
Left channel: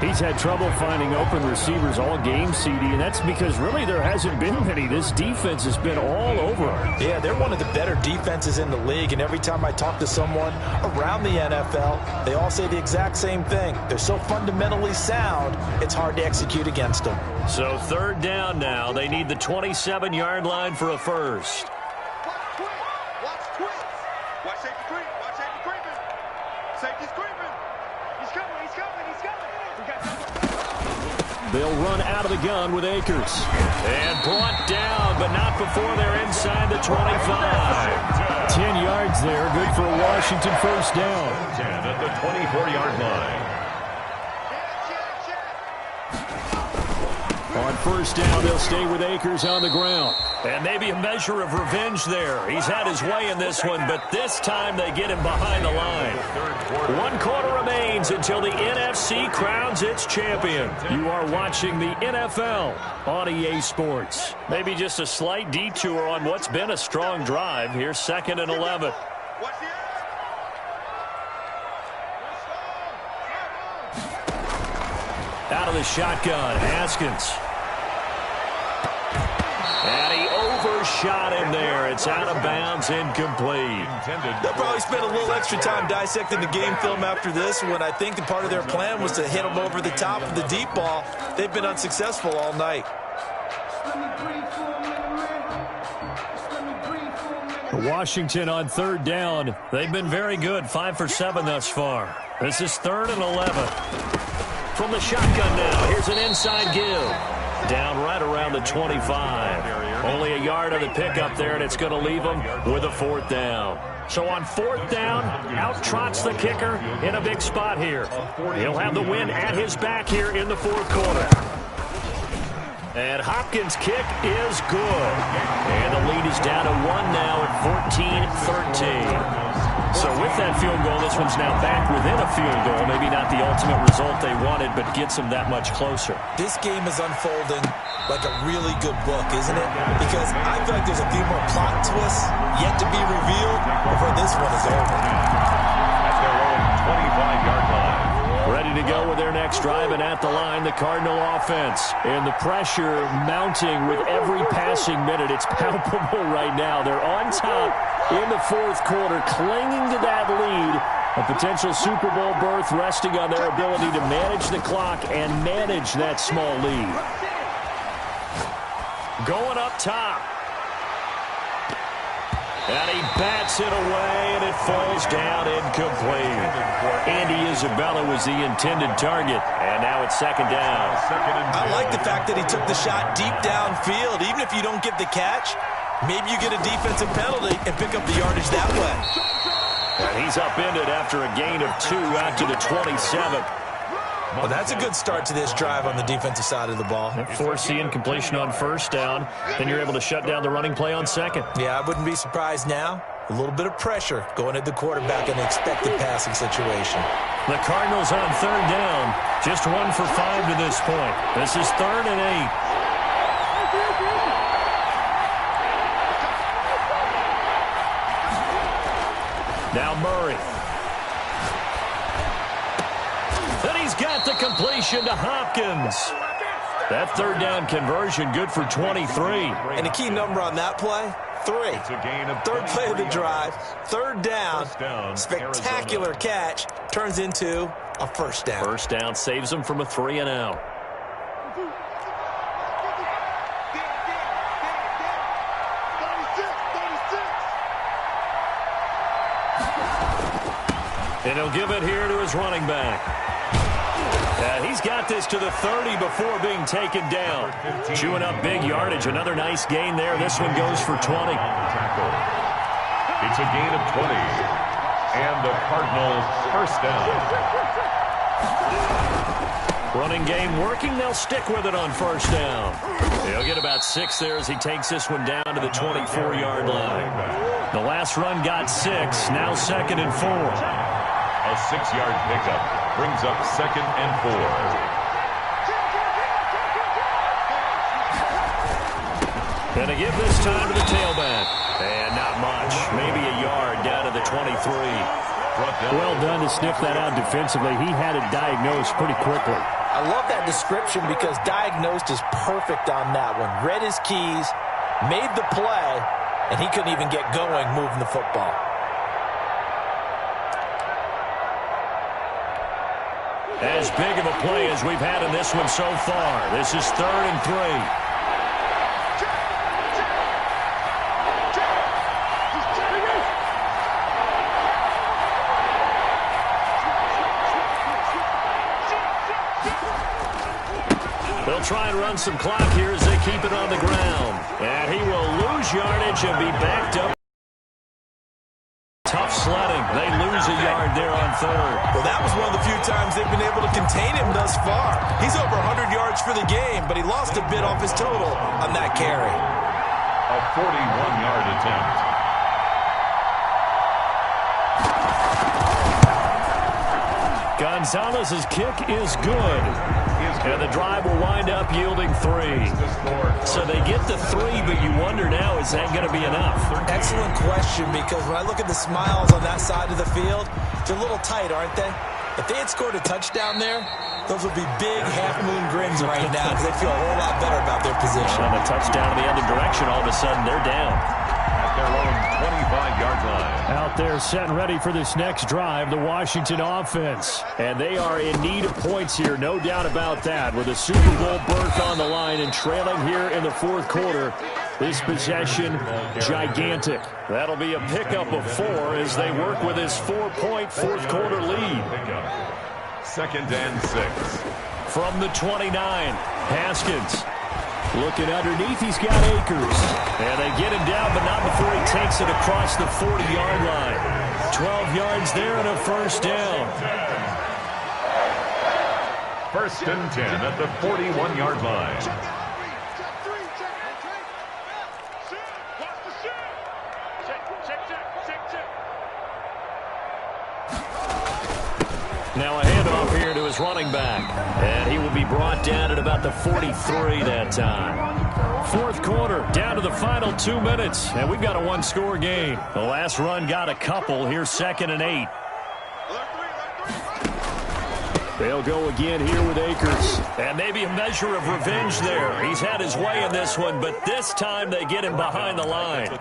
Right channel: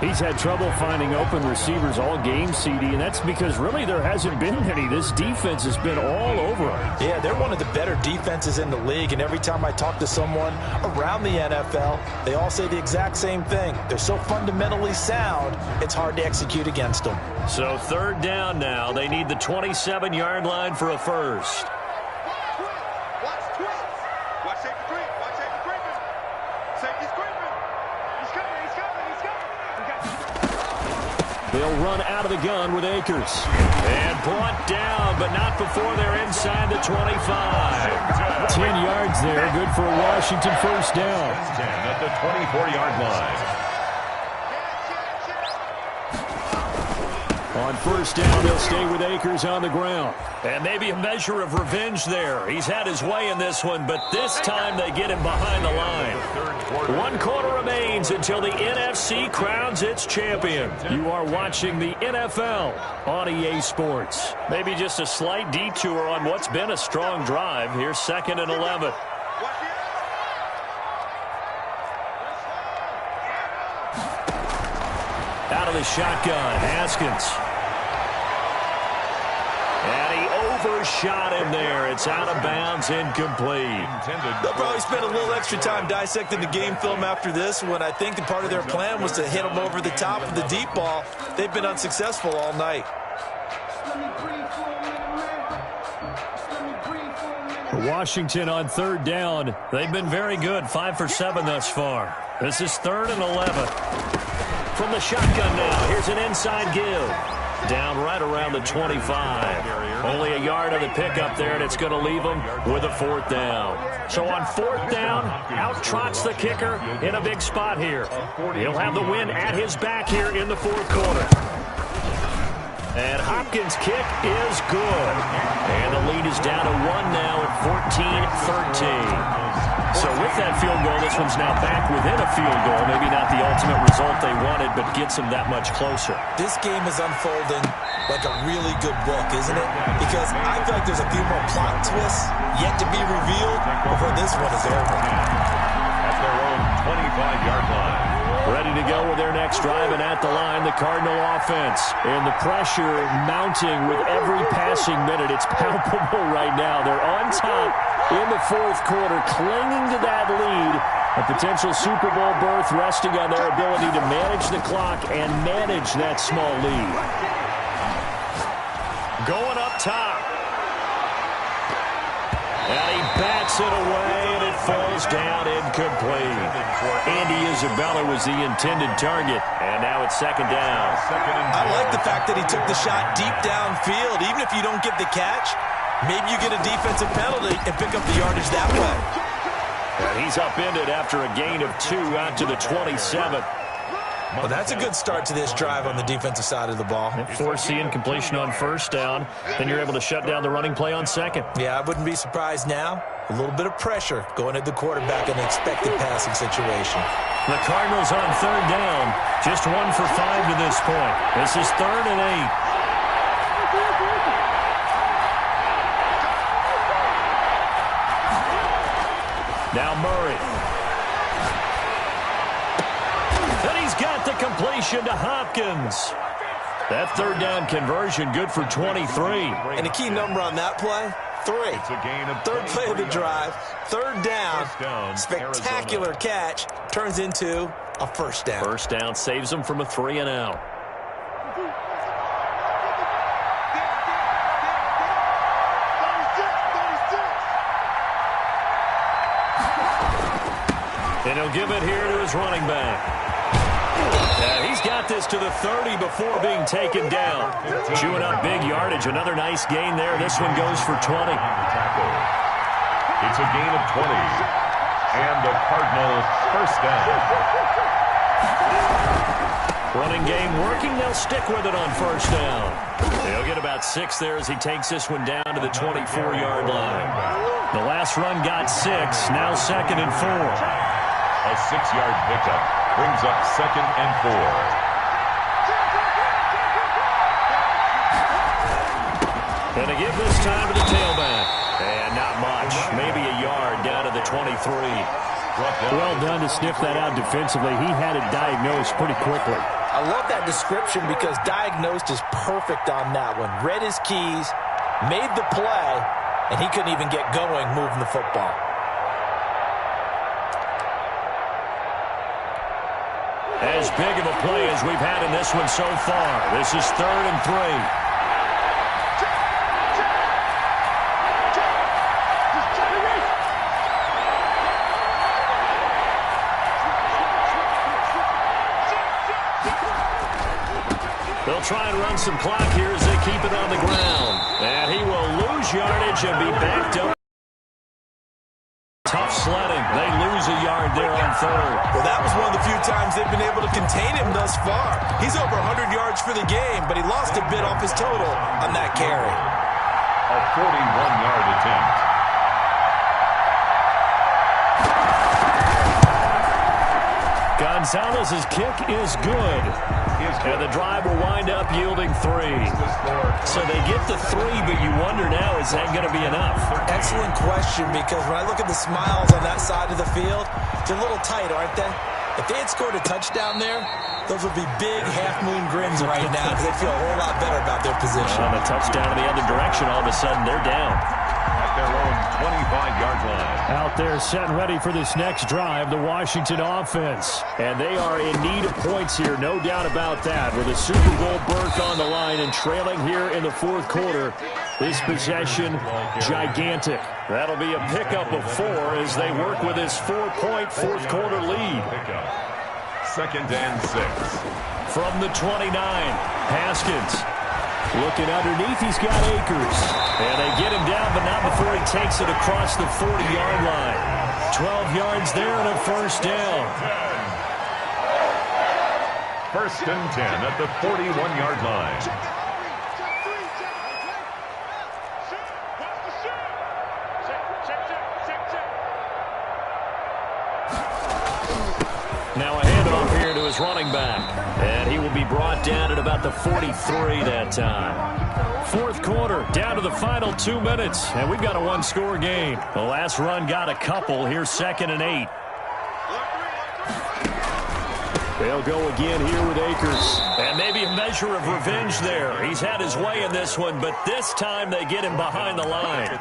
He's had trouble finding open receivers all game, CD, and that's because really there hasn't been many. This defense has been all over him. Yeah, they're one of the better defenses in the league, and every time I talk to someone around the NFL, they all say the exact same thing. They're so fundamentally sound, it's hard to execute against them. So third down now. They need the 27-yard line for a first. Watch twins. Watch safety creep. Watch safety creeping. Safety's creeping. He's coming. He's coming. He's coming. They'll run out of the gun with Akers. And brought down, but not before they're inside the 25. 10 yards there. Good for a Washington first down. 10 at the 24-yard line. On first down, they'll stay with Akers on the ground. And maybe a measure of revenge there. He's had his way in this one, but this time they get him behind the line. 1 quarter remains until the NFC crowns its champion. You are watching the NFL on EA Sports. Maybe just a slight detour on what's been a strong drive. Here's 2nd and 11. Out of the shotgun, Haskins. And he overshot him there. It's out of bounds, incomplete. They'll probably spend a little extra time dissecting the game film after this one. I think part of their plan was to hit him over the top of the deep ball. They've been unsuccessful all night. Washington on 3rd down. They've been very good, 5 for 7 thus far. This is 3rd and 11. From the shotgun now, here's an inside give. Down right around the 25. Only a yard of the pickup there, and it's going to leave them with a 4th down. So on 4th down, out trots the kicker in a big spot here. He'll have the win at his back here in the 4th quarter. And Hopkins' kick is good. And the lead is down to 1 now at 14-13. So with that field goal, this one's now back within a field goal. Maybe not the ultimate result they wanted, but gets them that much closer. This game is unfolding like a really good book, isn't it? Because I feel like there's a few more plot twists yet to be revealed before this one is over. At their own 25-yard line. Ready to go with their next drive, and at the line, the Cardinal offense. And the pressure mounting with every passing minute. It's palpable right now. They're on top in the 4th quarter, clinging to that lead. A potential Super Bowl berth resting on their ability to manage the clock and manage that small lead. Going up top. And he bats it away, and it falls down incomplete. Andy Isabella was the intended target, and now it's 2nd down. I like the fact that he took the shot deep downfield. Even if you don't get the catch, maybe you get a defensive penalty and pick up the yardage that way. And he's upended after a gain of 2 out to the 27. Well, that's a good start to this drive on the defensive side of the ball. Force the incompletion on 1st down. Then you're able to shut down the running play on 2nd. Yeah, I wouldn't be surprised now. A little bit of pressure going at the quarterback in an expected passing situation. The Cardinals on 3rd down. Just 1 for 5 to this point. This is 3rd and 8. Now Murray. And he's got the completion to Hopkins. That 3rd down conversion good for 23. And the key number on that play, 3. It's a gain of 3rd play of the 23 drive, 3rd down, First down, spectacular Arizona. catch, turns into a 1st down. 1st down saves them from a 3 and out. And he'll give it here to his running back. He's got this to the 30 before being taken down. Chewing up big yardage. Another nice gain there. This one goes for 20. It's a gain of 20. And the Cardinals 1st down. Running game working. They'll stick with it on 1st down. He'll get about 6 there as he takes this one down to the 24-yard line. The last run got 6. Now 2nd and 4. A 6-yard pickup brings up 2nd and 4. And to give this time to the tailback. And not much. Maybe a yard down to the 23. Well done to sniff that out defensively. He had it diagnosed pretty quickly. I love that description because diagnosed is perfect on that one. Read his keys, made the play, and he couldn't even get going moving the football. As big of a play as we've had in this one so far. This is 3rd and 3. They'll try and run some clock here as they keep it on the ground. And he will lose yardage and be backed up. Tough sled running. They lose a yard there on third. Well, that was one of the few times they've been able to contain him thus far. He's over 100 yards for the game, but he lost a bit off his total on that carry. A 41-yard attempt. Gonzalez's kick is good. And the drive will wind up yielding 3. So they get the 3, but you wonder now, is that going to be enough? Excellent question, because when I look at the smiles on that side of the field, they're a little tight, aren't they? If they had scored a touchdown there, those would be big half-moon grins right now because they'd feel a whole lot better about their position. On a touchdown in the other direction, all of a sudden they're down. At their own 25-yard line. Out there set and ready for this next drive, the Washington offense. And they are in need of points here, no doubt about that. With a Super Bowl berth on the line and trailing here in the fourth quarter, this possession gigantic. That'll be a pickup of 4 as they work with this 4-point fourth quarter lead. Second and 6. From the 29, Haskins. Looking underneath, he's got Akers. And they get him down, but not before he takes it across the 40-yard line. 12 yards there and a first down. First and 10 at the 41-yard line. Check 3, check. Watch the check. Now a handoff here to his running back. And he will be brought down at about the 43 that time. Fourth quarter, down to the final 2 minutes. And we've got a one-score game. The last run got a couple. Here's 2nd and 8. They'll go again here with Akers. And maybe a measure of revenge there. He's had his way in this one, but this time they get him behind the line.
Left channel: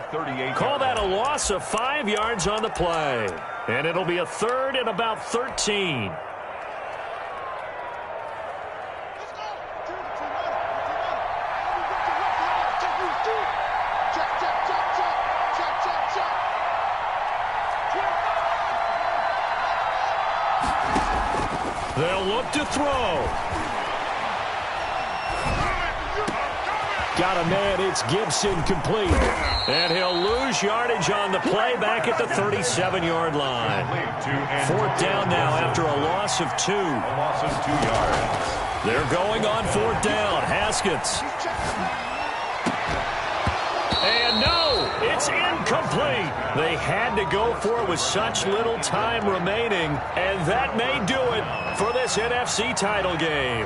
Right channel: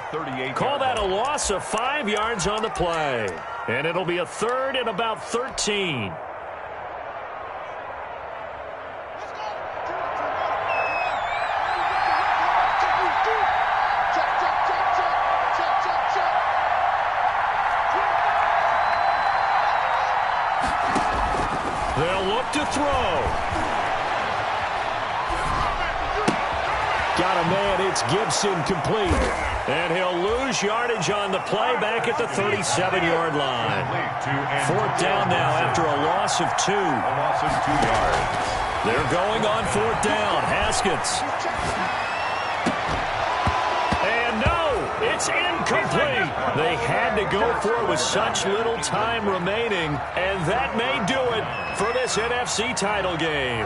Call that a loss of 5 yards on the play. And it'll be a 3rd and about 13. They'll look to throw. Got a man, it's Gibson, complete. And he'll lose yardage on the play back at the 37-yard line. 4th down now after a loss of 2. A loss of 2 yards. They're going on 4th down. Haskins. And no, it's incomplete. They had to go for it with such little time remaining, and that may do it for this NFC title game.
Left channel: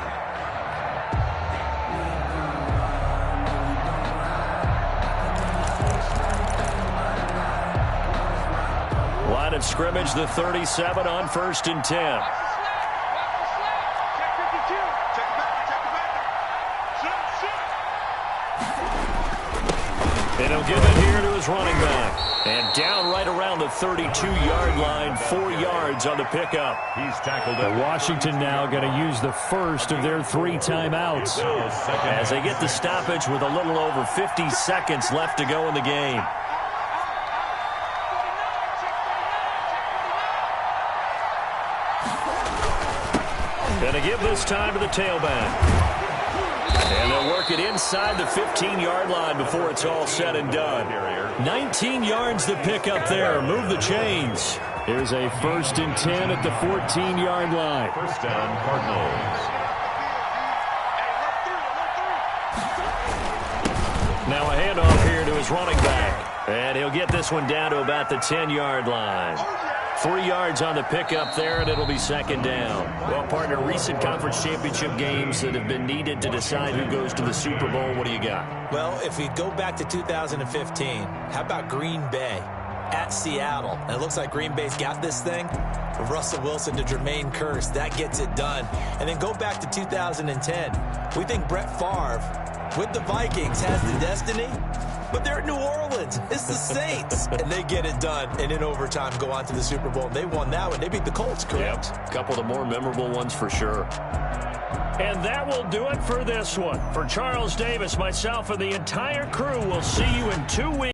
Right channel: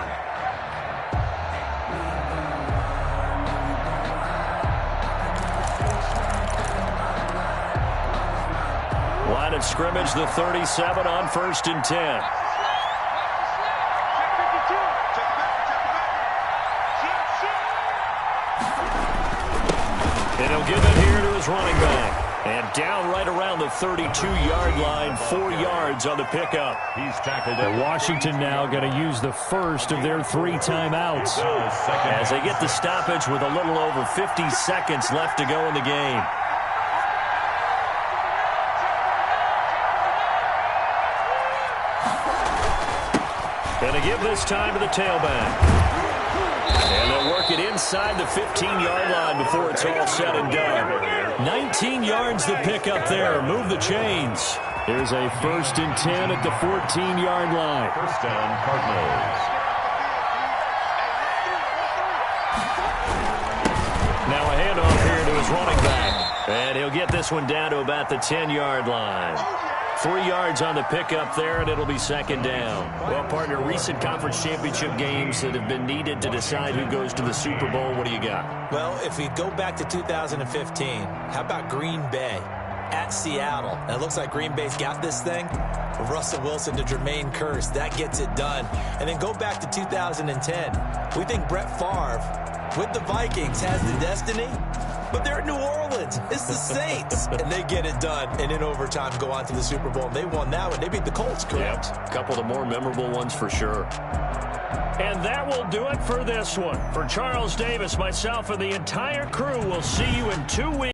Line of scrimmage, the 37 on 1st and 10. And he'll give it here to his running back. And down right around the 32-yard line, 4 yards on the pickup. He's tackled at Washington now going to use the first of their 3 timeouts as they get the stoppage with a little over 50 seconds left to go in the game. Going to give this time to the tailback. And they'll work it inside the 15-yard line before it's all said and done. 19 yards to pick up there. Move the chains. Here's a 1st and 10 at the 14-yard line. First down, Cardinals. Now a handoff here to his running back. And he'll get this one down to about the 10-yard line. 3 yards on the pickup there, and it'll be 2nd down. Well, partner, recent conference championship games that have been needed to decide who goes to the Super Bowl. What do you got? Well, if we go back to 2015, how about Green Bay at Seattle? And it looks like Green Bay's got this thing. From Russell Wilson to Jermaine Kearse, that gets it done. And then go back to 2010. We think Brett Favre with the Vikings has the destiny. But they're at New Orleans. It's the Saints. And they get it done. And in overtime, go on to the Super Bowl. They won that one. They beat the Colts, correct? Yep. A couple of the more memorable ones for sure. And that will do it for this one. For Charles Davis, myself, and the entire crew, we'll see you in 2 weeks.